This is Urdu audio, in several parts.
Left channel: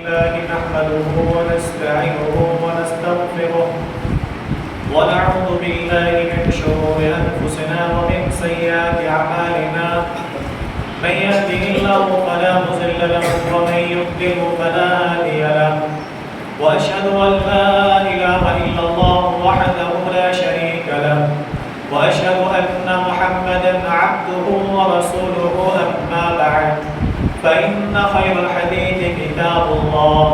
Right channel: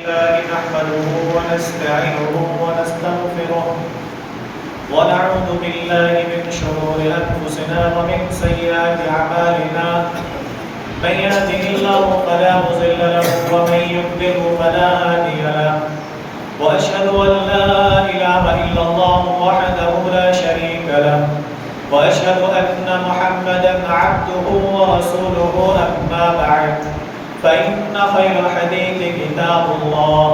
الله نحمده ونستعينه ونستغفره ونعوذ بالله من شرور أنفسنا ومن سيئات أعمالنا من يهده الله فلا مضل له ومن يضلل فلا هادي له وأشهد أن لا إله إلا الله وحده لا شريك له وأشهد أن محمدا عبده ورسوله أما بعد فإن خير الحديث كتاب الله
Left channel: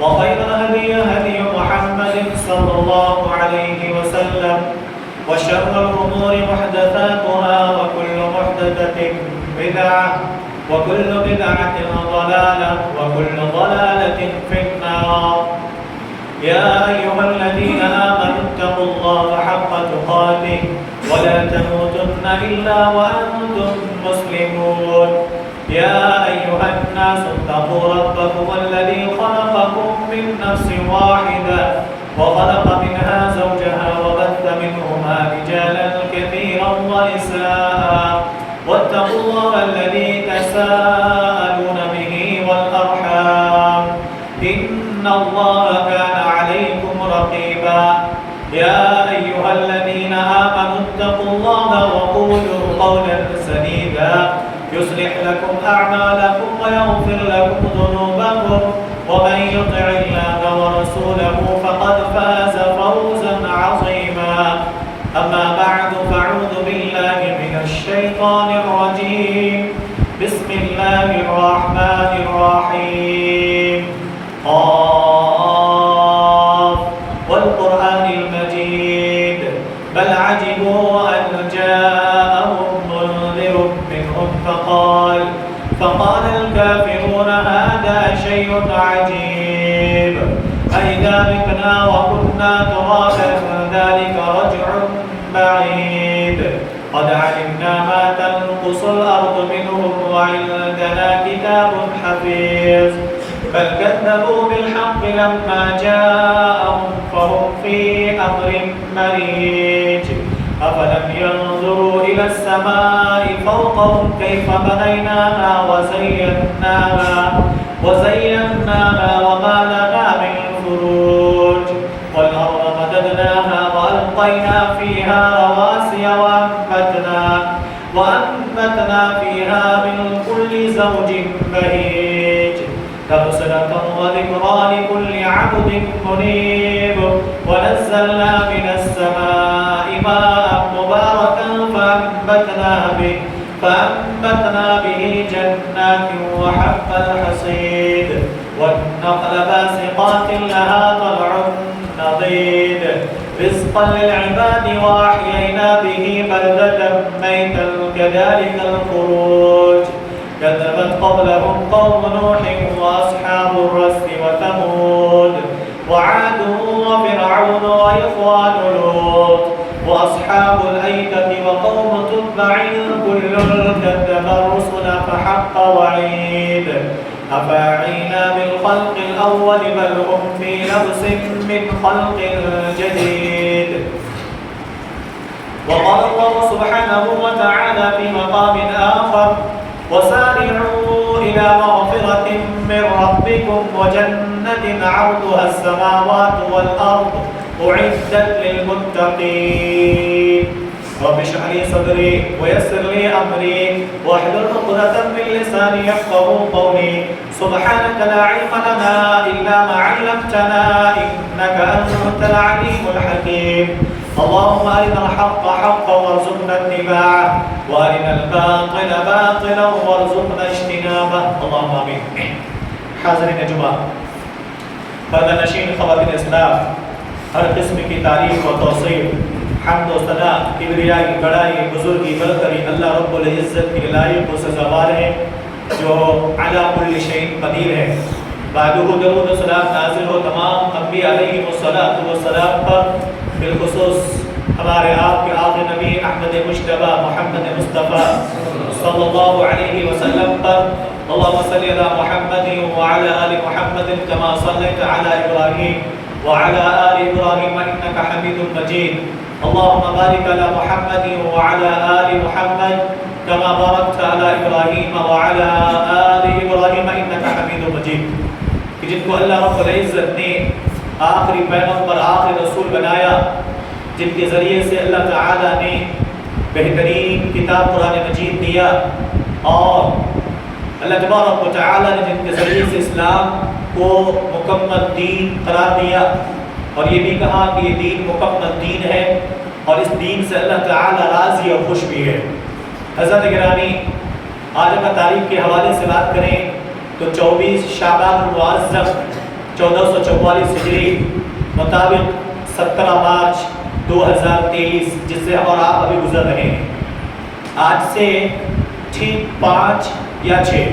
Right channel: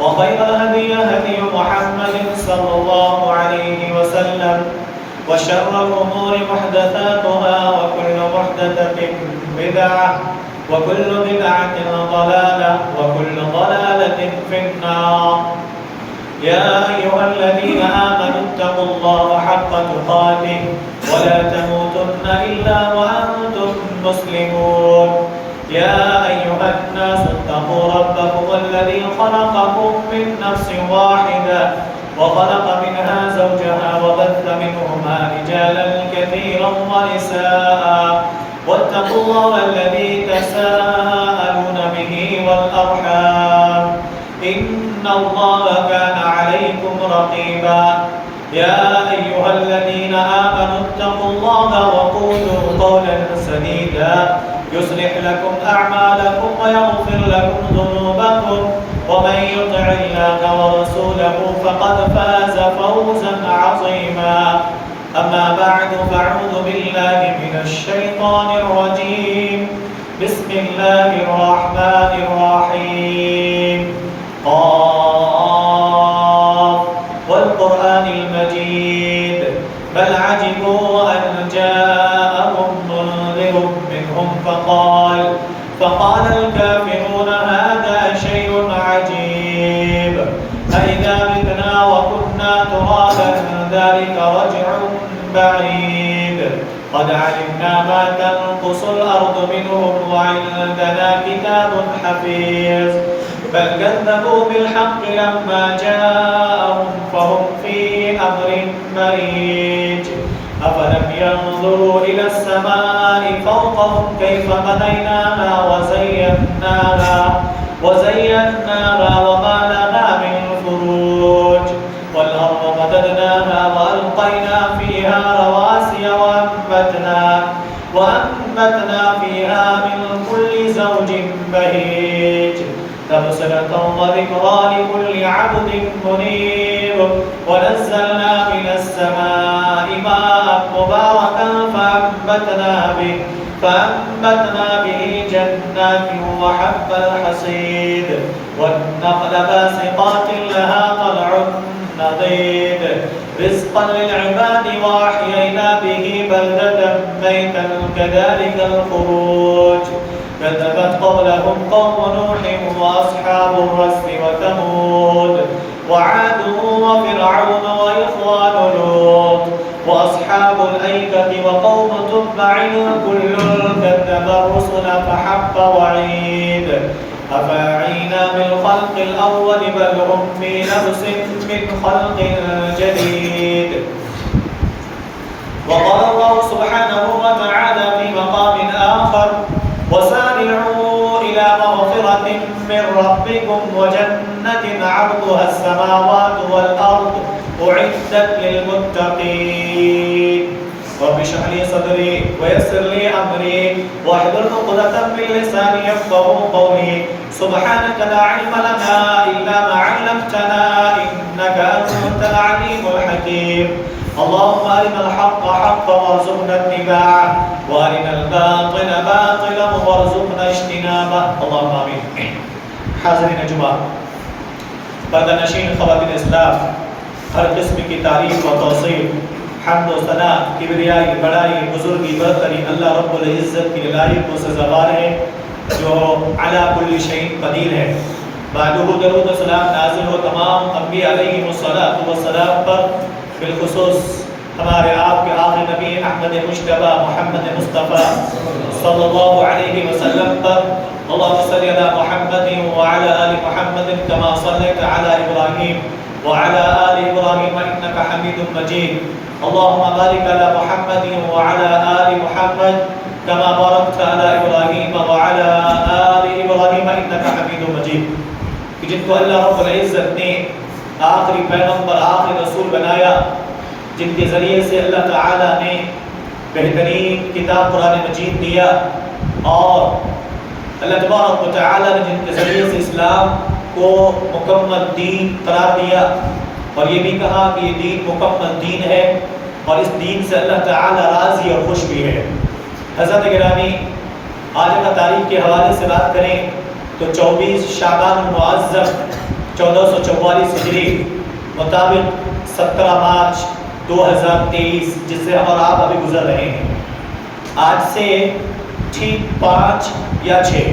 وخير الهدي هدي محمد صلى الله عليه وسلم وشر الأمور محدثاتها وكل محدثة بدعة وكل بدعة ضلالة وكل ضلالة في النار. يا أيها الذين آمنوا اتقوا الله حق تقاته ولا تموتن إلا وأنتم مسلمون. يا أيها الناس اتقوا ربكم الذي خلقكم من نفس واحدة وخلق منها زوجها وبث منهما رجالا كثيرا ونساء واتقوا الله الذي تساءلون به والأرحام إن الله كان عليكم رقيبا. يا أيها الذين آمنوا اتقوا الله وقولوا قولا سديدا يصلح لكم أعمالكم ويغفر لكم ذنوبكم ومن يطع الله ورسوله فقد فاز فوزا عظيما. أما بعد فأعوذ بالله من الشيطان الرجيم. بسم الله الرحمن الرحيم. قاف والقرآن المجيد بل عجبوا أن جاءهم منذر منهم فقال الكافرون هذا شيء عجيب أئذا متنا وكنا ترابا ذلك رجع بعيد قد علمنا ما تنقص الأرض منهم وعندنا كتاب حفيظ بل كذبوا بالحق لما جاءهم فهم في أمر مريج أفلم ينظروا إلى السماء فوقهم كيف بنيناها وزيناها وما لها من فروج والأرض مددناها وألقينا فيها رواسي وأنبتنا فيها من كل زوج بهيج تبصرة وذكرى لكل عبد منيب ونزلنا من السماء ماء مباركا فأنبتنا به جنات وحب الحصيد والنخل باسقات لها طلع نضيد رزقا للعباد وأحيينا به بلدة ميتا كذلك الخروج كذبت قبلهم قوم نوح وأصحاب الرس وثمود وعاد وفرعون وإخوان لوط وأصحاب الأيكة وقوم تبع كل كذب الرسل فحق وعيد أفاعينا بالخلق الأول بل هم في لبس من خلق جديد. وقال الله سبحانه وتعالى في مقام آخر وسارعوا إلى مغفرة من ربكم وجنة عرضها السماوات والأرض أعدت للمتقين. رب اشرح لي صدري ويسر لي أمري واحلل عقدة من لساني يفقهوا قولي. سبحانك لا علم لنا إلا ما علمتنا إنك أنت العليم الحكيم. اللهم أرنا الحق حقا وارزقنا اتباعه وأرنا الباطل باطلا وارزقنا اجتنابه اللهم آمين. حاضرین جمعہ، پردہ نشین خواتین اسلام، ہر قسم کی تعریف و توصیف، حمد و ثنا، کبریائی، بڑائی، بزرگی، برتری اللہ رب العزت کی لائق و سزاوار ہے جو علی کل شیء قدیر ہے. بعدہ درود و سلام نازل ہو تمام انبیاء علیہم الصلاۃ پر، بالخصوص ہمارے آپ کے آخری نبی احمد مجتبی محمد مصطفیٰ صلی اللہ علیہ وسلم پر. اللهم صل على محمد وعلى آل محمد كما صليت على إبراهيم وعلى آل إبراهيم إنك حميد مجيد. اللهم بارك على محمد وعلى آل محمد كما باركت على إبراهيم وعلى آل إبراهيم إنك حميد مجيد. کہ جن کو اللہ رب العزت نے آخری پیغمبر آخری رسول بنایا، جن کے ذریعے سے اللہ تعالیٰ نے بہترین کتاب قرآن مجید دیا، اور اللہ تبارک و تعالیٰ نے جن کے ذریعے سے اسلام کو مکمل دین قرار دیا، اور یہ بھی کہا کہ یہ دین مکمل دین ہے اور اس دین سے اللہ تعالیٰ راضی اور خوش بھی ہے۔ حضرت گرامی، آج اگر تاریخ کے حوالے سے بات کریں تو 24 شعبان المعظم 1444 ہجری مطابق 17 مارچ 2023، جس سے ہم اور آپ ابھی گزر رہے ہیں، آج سے ٹھیک 5 یا 6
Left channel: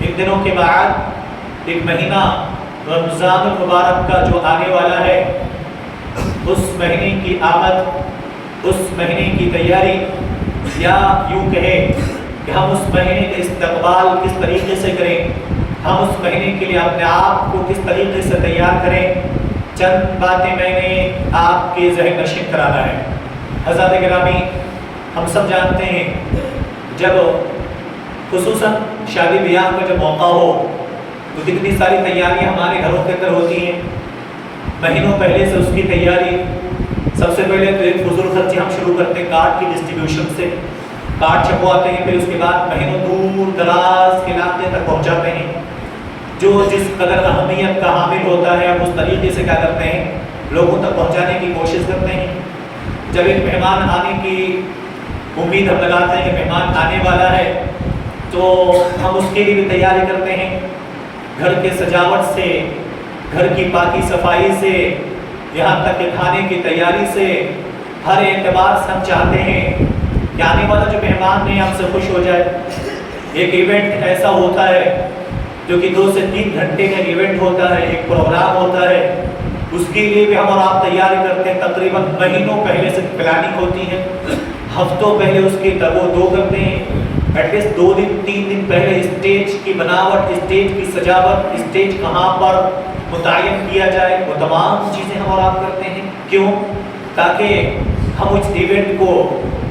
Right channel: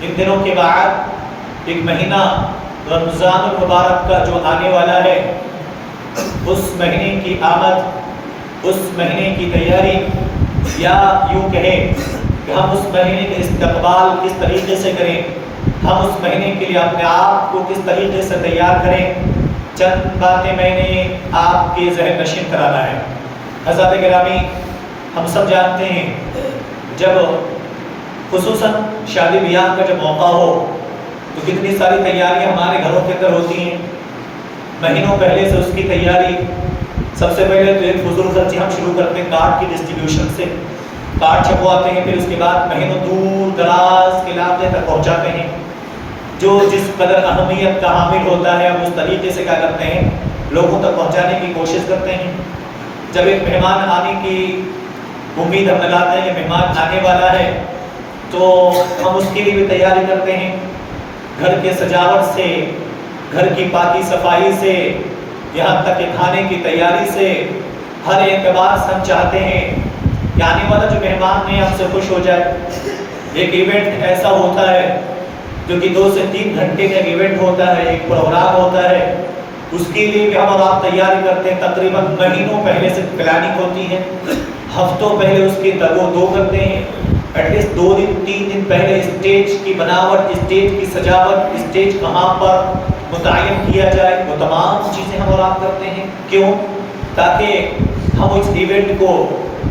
ان دنوں کے بعد ایک مہینہ رمضان المبارک کا جو آنے والا ہے، اس مہینے کی آمد، اس مہینے کی تیاری، یا یوں کہیں کہ ہم اس مہینے کا استقبال کس طریقے سے کریں، ہم اس مہینے کے لیے اپنے آپ کو کس طریقے سے تیار کریں، چند باتیں میں نے آپ کے ذہن نشین کرانا ہے۔ حضرات گرامی، ہم سب جانتے ہیں جب خصوصاً شادی بیاہ کا جب موقع ہو تو کتنی ساری تیاریاں ہمارے گھروں کے اندر ہوتی ہیں، مہینوں پہلے سے اس کی تیاری۔ سب سے پہلے تو ایک فضول خرچی ہم شروع کرتے ہیں کارڈ کی ڈسٹریبیوشن سے، کارڈ چھپواتے ہیں، پھر اس کے بعد مہینوں دور دراز کے علاقے تک پہنچاتے ہیں۔ جو جس قدر اہمیت کا حامل ہوتا ہے ہم اس طریقے سے کیا کرتے ہیں، لوگوں تک پہنچانے کی کوشش کرتے ہیں۔ جب ایک مہمان آنے کی امید ہم لگاتے ہیں کہ مہمان آنے والا ہے تو ہم اس کے لیے بھی تیاری کرتے ہیں، گھر کے سجاوٹ سے، گھر کی پاکی صفائی سے، یہاں تک کہ کھانے کی تیاری سے، ہر اعتبار سے ہم چاہتے ہیں کہ آنے والا جو مہمان ہے ہم سے خوش ہو جائے۔ ایک ایونٹ ایسا ہوتا ہے جو کہ 2 سے 3 گھنٹے کا ایونٹ ہوتا ہے، ایک پروگرام ہوتا ہے، اس کے لیے بھی ہم اور آپ تیاری کرتے ہیں، تقریباً مہینوں پہلے سے پلاننگ ہوتی ہے، ہفتوں پہلے اس کے دو کرتے ہیں، ایٹ لیسٹ 2 دن 3 دن پہلے اسٹیج کی بناوٹ، اسٹیج کی سجاوٹ، اسٹیج کہاں پر متعین کیا جائے، وہ تمام چیزیں ہم اور آپ کرتے ہیں۔ کیوں؟ تاکہ ہم اس ایونٹ کو،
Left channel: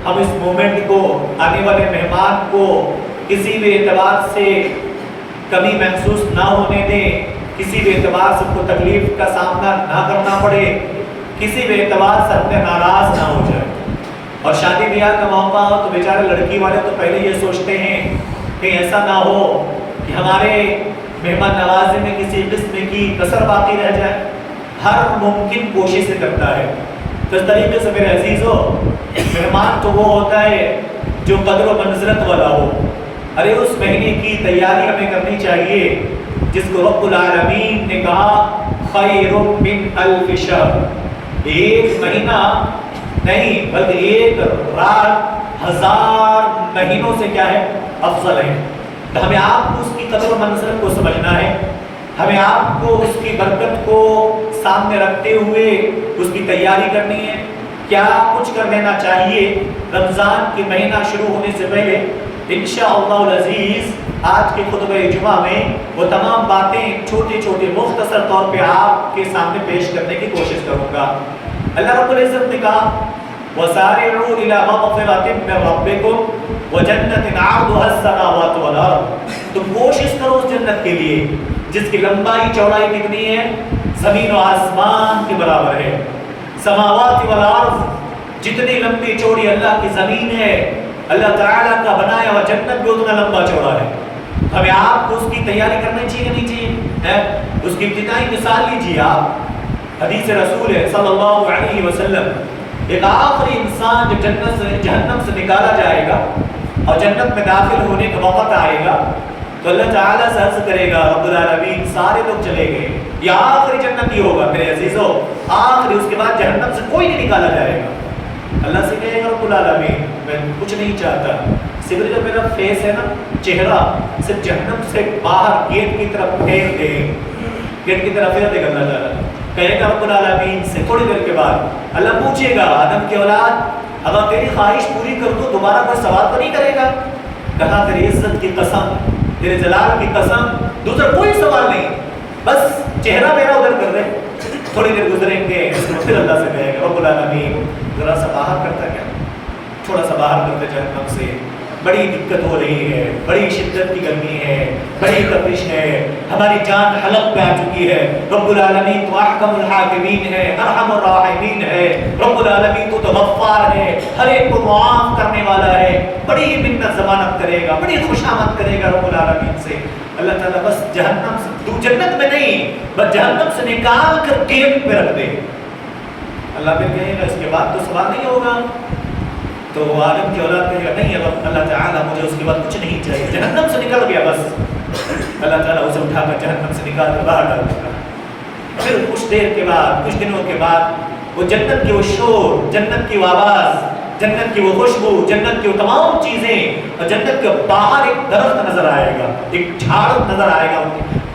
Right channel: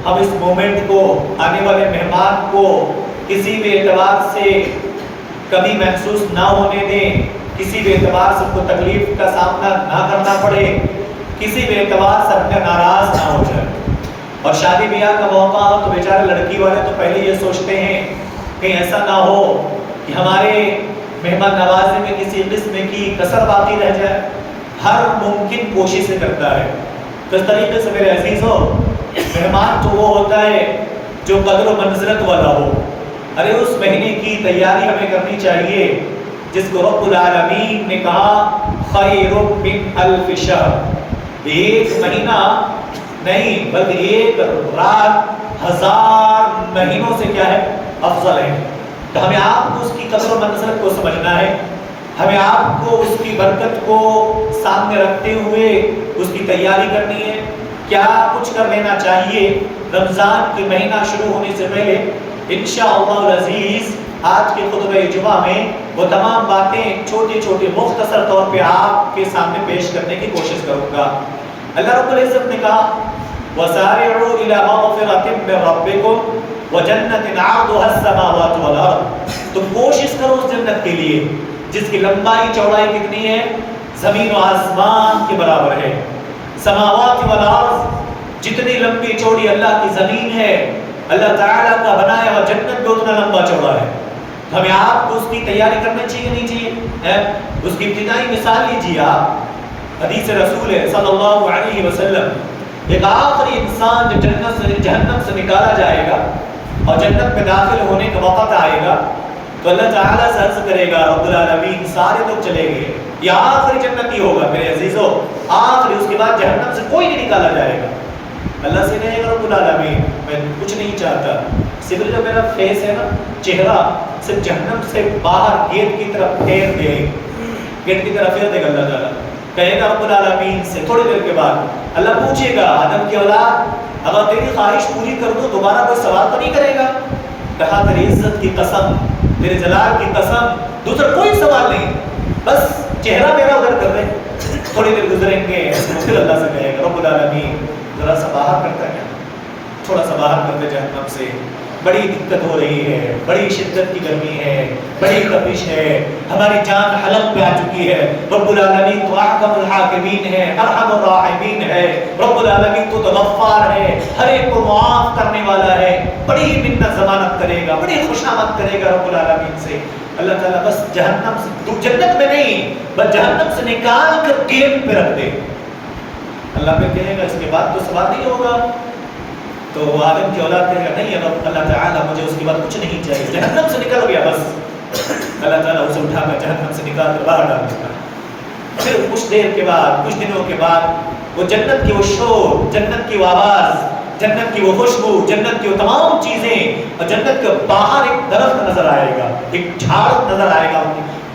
ہم اس مومنٹ کو، آنے والے مہمان کو کسی بھی اعتبار سے کمی محسوس نہ ہونے دیں، کسی بھی اعتبار سے کوئی تکلیف کا سامنا نہ کرنا پڑے، کسی بھی اعتبار سے اپنے ناراض نہ ہو جائے۔ اور شادی بیاہ کا موقع ہو تو بیچارے لڑکی والے تو پہلے یہ سوچتے ہیں کہ ایسا نہ ہو کہ ہمارے مہمان نوازی میں کسی قسم کی کسر باقی رہ جائے، ہر ممکن کوشش سے کرتا ہے۔ تو اس طریقے سے میرے عزیزو، مہمان تو وہ ہوتا ہے جو قدر و منزلت والا ہو۔ ارے اس مہینے کی تیاری ہمیں کرنی چاہیے جس کو رب العالمین نے کہا خیر من الف شہر، ایک مہینہ نہیں بلکہ ایک رات 1000 مہینوں سے کیا ہے، افضل ہے۔ تو ہمیں آپ کو اس کی قدر و منزلت کو سمجھنا ہے، ہمیں آپ کو اس کی برکت کو سامنے رکھتے ہوئے اس کی تیاری کرنی ہے۔ کیا کچھ کر لینا چاہیے رمضان کے مہینہ شروع ہونے سے پہلے؟ انشاءاللہ العزیز آج کے خطبہ جمعہ میں وہ تمام باتیں چھوٹے چھوٹے مختصر طور پہ آپ کے سامنے پیش کرنے کی کوشش کروں گا۔ اللہ رب العزت نے کہا وَسَارِعُوا إِلَى مَغْفِرَةٍ مِّن رَّبِّكُمْ وَجَنَّةٍ عَرْضُهَا السَّمَاوَاتُ وَالْأَرْضُ، تم کوشش کرو اس جنت کے لیے جس کی لمبائی چوڑائی کتنی ہے، زمین و آسمان کے برابر ہے۔ سماوات والارض، جتنی لمبی چوڑی اللہ کی زمین ہے، اللہ تعالیٰ کا بنایا ہوا جنت بھی اتنا لمبا چوڑا ہے۔ ہمیں آپ کو اس کی تیاری کرنا چاہیے نہیں چاہیے؟ اس کی ابتدائی مثال لیجیے آپ، حدیث رسول ہے صلی اللہ علیہ وسلم، ایک آخری انسان جب جنت سے جہنم سے نکالا جائے گا اور جنت میں داخل ہونے کا وقت آئے گا تو اللہ تعالیٰ سے عرض کرے گا رب العالمین سارے لوگ چلے گئے، یہ آخری جنتی ہوگا میرے عزیزو، آخری، اس کے بعد جہنم سے کوئی نہیں نکالا جائے گا۔ اللہ سے کہے گا رب العالمین میں کچھ نہیں چاہتا، صرف جو میرا فیس ہے نا، چہرہ صرف جہنم سے باہر گیٹ کی طرف پھیر دے، گیٹ کی طرف پھیر دے گا اللہ تعالیٰ، کہے گا رب العالمین سے۔ تھوڑی دیر کے بعد اللہ پوچھے گا آدم کی اولاد اگر تیری خواہش پوری کر دو دوبارہ کوئی سوال تو نہیں کرے گا؟ کہا تیری عزت کی قسم، تیرے جلال کی قسم، دوسرا کوئی سوال نہیں، بس چہرہ میرا ادھر کر دے۔ تھوڑی دیر گزریں گے پھر اللہ سے کہے گا رب العالمین ذرا سا باہر کرتا کیا، تھوڑا سا باہر کرتے جہنم سے، بڑی دقت ہو رہی ہے، بڑی شدت کی گرمی ہے، بڑی تپش ہے، ہماری جان حلق پہ آ چکی ہے۔ رب العالمین تو احکم الحاکمین ہے، ارحم الراحمین ہے، رب العالمین تو غفار ہے، ہر ایک کو معاف کرنے والا ہے، بڑی منت ضمانت کرے گا، بڑی خوشامد کرے گا رب العالمین سے۔ اللہ تعالیٰ بس جہنم سے، تو جنت میں نہیں، بس جہنم سے نکال کر گیٹ پہ رکھ دے۔ اللہ پھر کہے گا اس کے بعد تو سوال نہیں ہوگا، تو وہ آدم کی اولاد کہے گا نہیں اب اللہ تعالیٰ مجھے اس کے بعد کچھ نہیں چاہیے، جہنم سے نکل گیا بس۔ اللہ تعالیٰ اسے اٹھا کر جہنم سے نکال کر باہر ڈال دے گا۔ پھر کچھ دیر کے بعد، کچھ دنوں کے بعد وہ جنت کی وہ شور، جنت کی وہ آواز، جنت کی وہ خوشبو، جنت کی وہ تمام چیزیں، اور جنت کے باہر ایک درخت نظر آئے گا، ایک جھاڑ نظر آئے گا،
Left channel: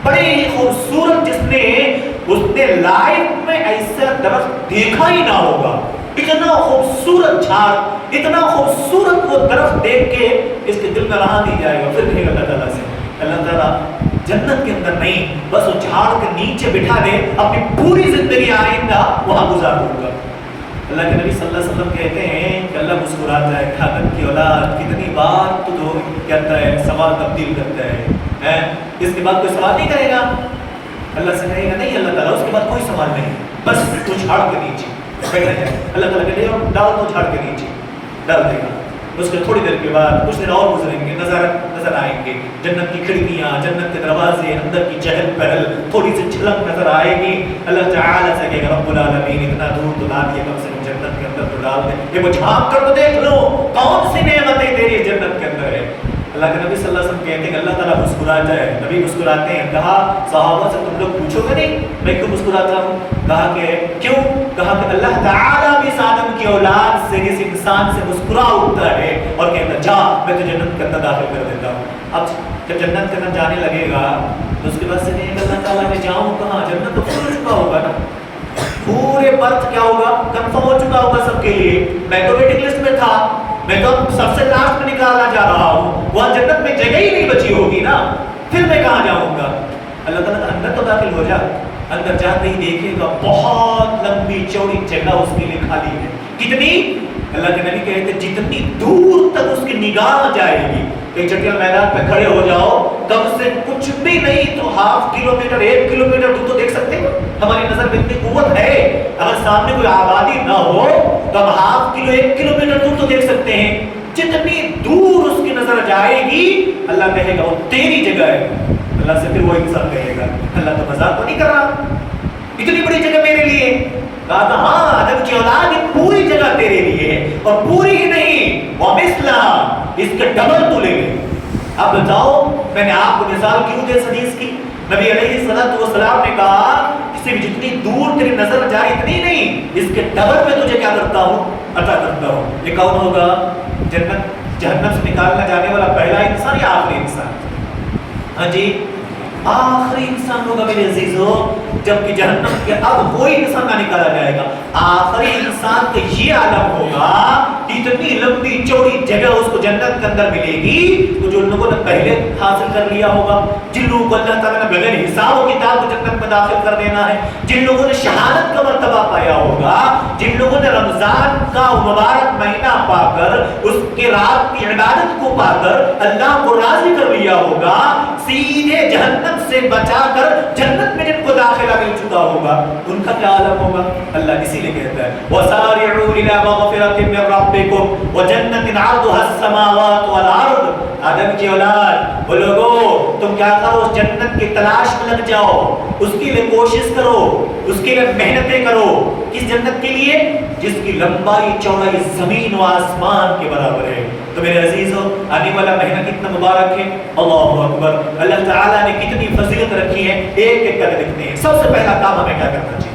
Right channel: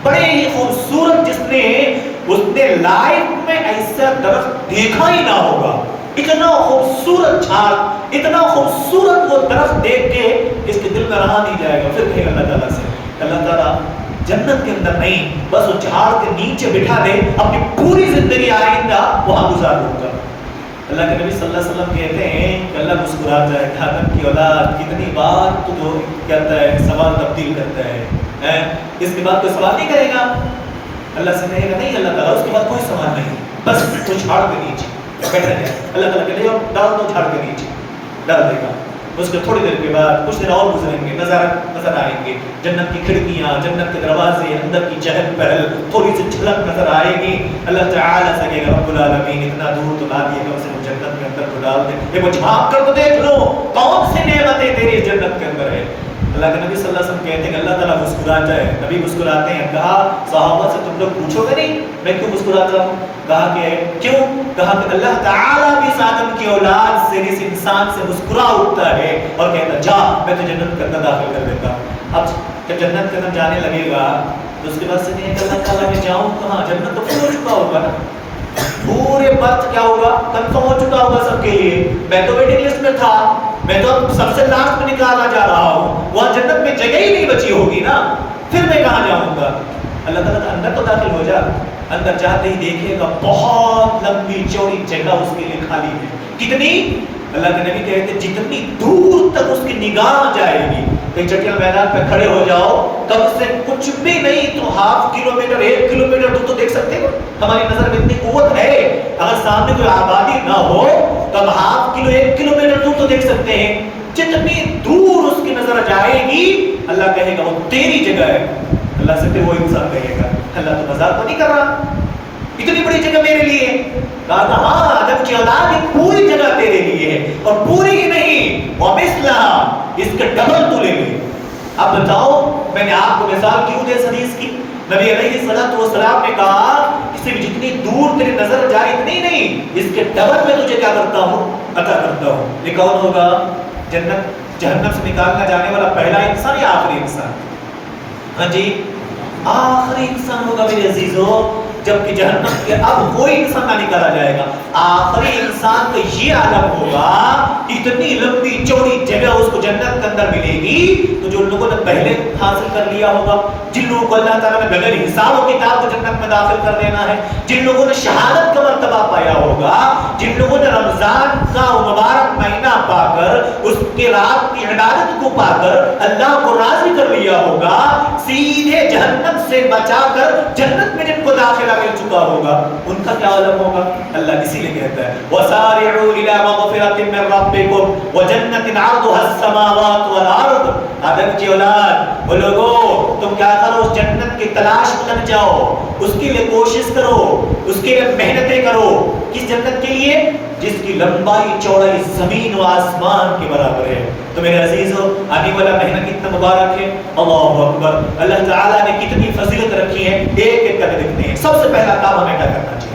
بڑے ہی خوبصورت، جس نے لائف میں ایسا درخت دیکھا ہی نہ ہوگا۔ اتنا خوبصورت جھاڑ، اتنا خوبصورت وہ درخت دیکھ کے اس کے دل میں رہا نہیں جائے گا۔ پھر کہے گا اللہ تعالیٰ سے، اللہ تعالیٰ جنت کے اندر نہیں، بس وہ جھاڑ کے نیچے بٹھا دے، اپنی پوری زندگی آئندہ وہاں گزار دوں گا۔ اللہ کے نبی صلی اللہ علیہ وسلم کہتے ہیں کہ اللہ مسکراتا ہے، آدم کی اولاد کتنی بار تو کہتا ہے، سوال تبدیل کرتا ہے، اس کے بعد کوئی سوال نہیں کرے گا۔ اللہ سے کہے گا نہیں اللہ تعالیٰ، اس کے بعد کوئی سوال نہیں، بس وہ جھاڑ کے نیچے بیٹھا جائے۔ اللہ تعالیٰ کہتے ہیں ڈال دو، جھاڑ کے نیچے ڈال دے گا۔ اس کے تھوڑی دیر کے بعد کچھ دن اور گزریں گے، نظر آئیں گے جنت کی کھڑکیاں، جنت کے دروازے، اندر کی چہل پہل، تھوڑی سی جھلک نظر آئے گی۔ اللہ تعالیٰ سے کہے گا رب العالمین اتنا دور تو لا دیے، کم سے کم جنت کے اندر تو ڈال دے، یہ وہ جھانک کر تو دیکھ لو کون سی نعمتیں تیری جنت کے اندر ہے۔ اللہ کے نبی صلی اللہ علیہ وسلم کہتے ہیں کہ اللہ تعالیٰ مسکراتا ہے، نبی مسکراتے ہیں۔ کہا صحابہ سے تم لوگ پوچھو گے نہیں میں کیوں مسکراتا ہوں؟ کہا کہ کیوں؟ کہا کہ اللہ تعالیٰ بھی اس آدم کی اولاد سے، اس انسان سے مسکرا اٹھتا ہے اور کہتا جا میں تو جنت کے اندر داخل کر دیتا ہوں۔ اب جب جنت کے اندر جانے لگے گا تو اس کے بعد سے کہیں گے اللہ تعالیٰ میں جاؤں کہاں؟ جنت تو پھول چکا ہوگا نا، پورے برتھ کیا ہوگا، کنفرم ہو چکا ہوگا سب کے لیے۔ میں تو ویٹنگ لسٹ میں تھا، میں تو سب سے لاسٹ میں نکالا جا رہا ہوں، وہاں جنت میں جگہ ہی نہیں بچی ہوگی نا، پھر میں کہاں جاؤں گا؟ اللہ تعالیٰ کا اندر تو داخل ہو جا۔ اندر جاتے ہی دیکھے گا بہت لمبی چوڑی جگہ اس کے لیے خالی ہے۔ کتنی؟ اللہ کے نبی کہتے ہیں جتنی دور تک اس کی نگاہ جائے گی۔ ایک چٹیل میدان پہ کھڑے ہو جاؤ، کم سے کچھ بھی نہیں تو ½ کلومیٹر 1 کلومیٹر دور تو دیکھ سکتے ہو۔ ہماری نظر میں اتنی قوت ہے، اگر سامنے کوئی آبادی نہ ہو تو ہم ½ کلو 1 کلومیٹر دور تو دیکھ سکتے ہیں۔ جتنی دور اس کی نظر جائے گی اللہ کہے گا وہ تیری جگہ ہے۔ اللہ سے پھر وہ انسان کہے گا اللہ تو مذاق تو نہیں کر رہا، اتنی بڑی جگہ میرے لیے؟ کہا کہ ہاں آدم کی اولاد یہ پوری جگہ تیرے لیے ہے، اور پوری ہی نہیں وَمِثْلَهَا، اس کے ڈبل تو لے لے۔ اب بتاؤ میں نے آپ کو مثال کیوں دے اس حدیث کی؟ نبی علیہ السلام نے کہا کسی بھی جتنی دور تیری نظر جائے اتنی نہیں، اس کے ڈبل میں تجھے کیا کرتا ہوں؟ عطا کرتا ہوں۔ یہ کون ہوگا؟ جنت جہنم سے نکالنا جانے والا پہلا انسان یا آخری انسان؟ ہاں جی آخری انسان ہوگا میرے عزیزو، جبکہ جہنم کے اب کوئی انسان نہ نکالا جائے گا۔ آخری انسان کا یہ عالم ہوگا، اتنی لمبی چوڑی جگہ اس کو جنت کے اندر ملے گی، تو جو لوگوں نے پہلے حاصل کر لیا ہوگا، جن لوگوں کو اللہ تعالیٰ نے بغیر حساب و کتاب کو جنت میں داخل کر دینا ہے، جن لوگوں نے شہادت کا مرتبہ پایا ہوگا، جن لوگوں نے رمضان کا مبارک مہینہ پا کر اس کے رات کی عبادت کو پا کر اللہ کو راضی کر لیا ہوگا، سیدھے جہنم سے بچا کر جنت میں جن کو داخلہ مل چکا ہوگا، ان کا کیا عالم ہوگا؟ اللہ اسی لیے کہتا ہے وَسَارِعُوا إِلَىٰ مَغْفِرَةٍ مِّن رَّبِّكُمْ وَجَنَّةٍ عَرْضُهَا السَّمَاوَاتُ وَالْأَرْضُ۔ آدم کی اولاد وہ لوگوں تم کیا کرو، اس جنت کی تلاش میں لگ جاؤ، اس کے لیے کوشش کرو، اس کے لیے محنتیں کرو۔ کس جنت کے لیے؟ جس کی لمبائی چوڑائی زمین و آسمان کے برابر ہے۔ تو میرے عزیزو آنے والا مہینہ کتنا مبارک ہے، اللہ اکبر، اللہ تعالیٰ نے کتنی فضیلت رکھی ہے، ایک ایک کر دیکھتے ہیں۔ سب سے پہلا کام ہمیں کیا کرنا چاہیے؟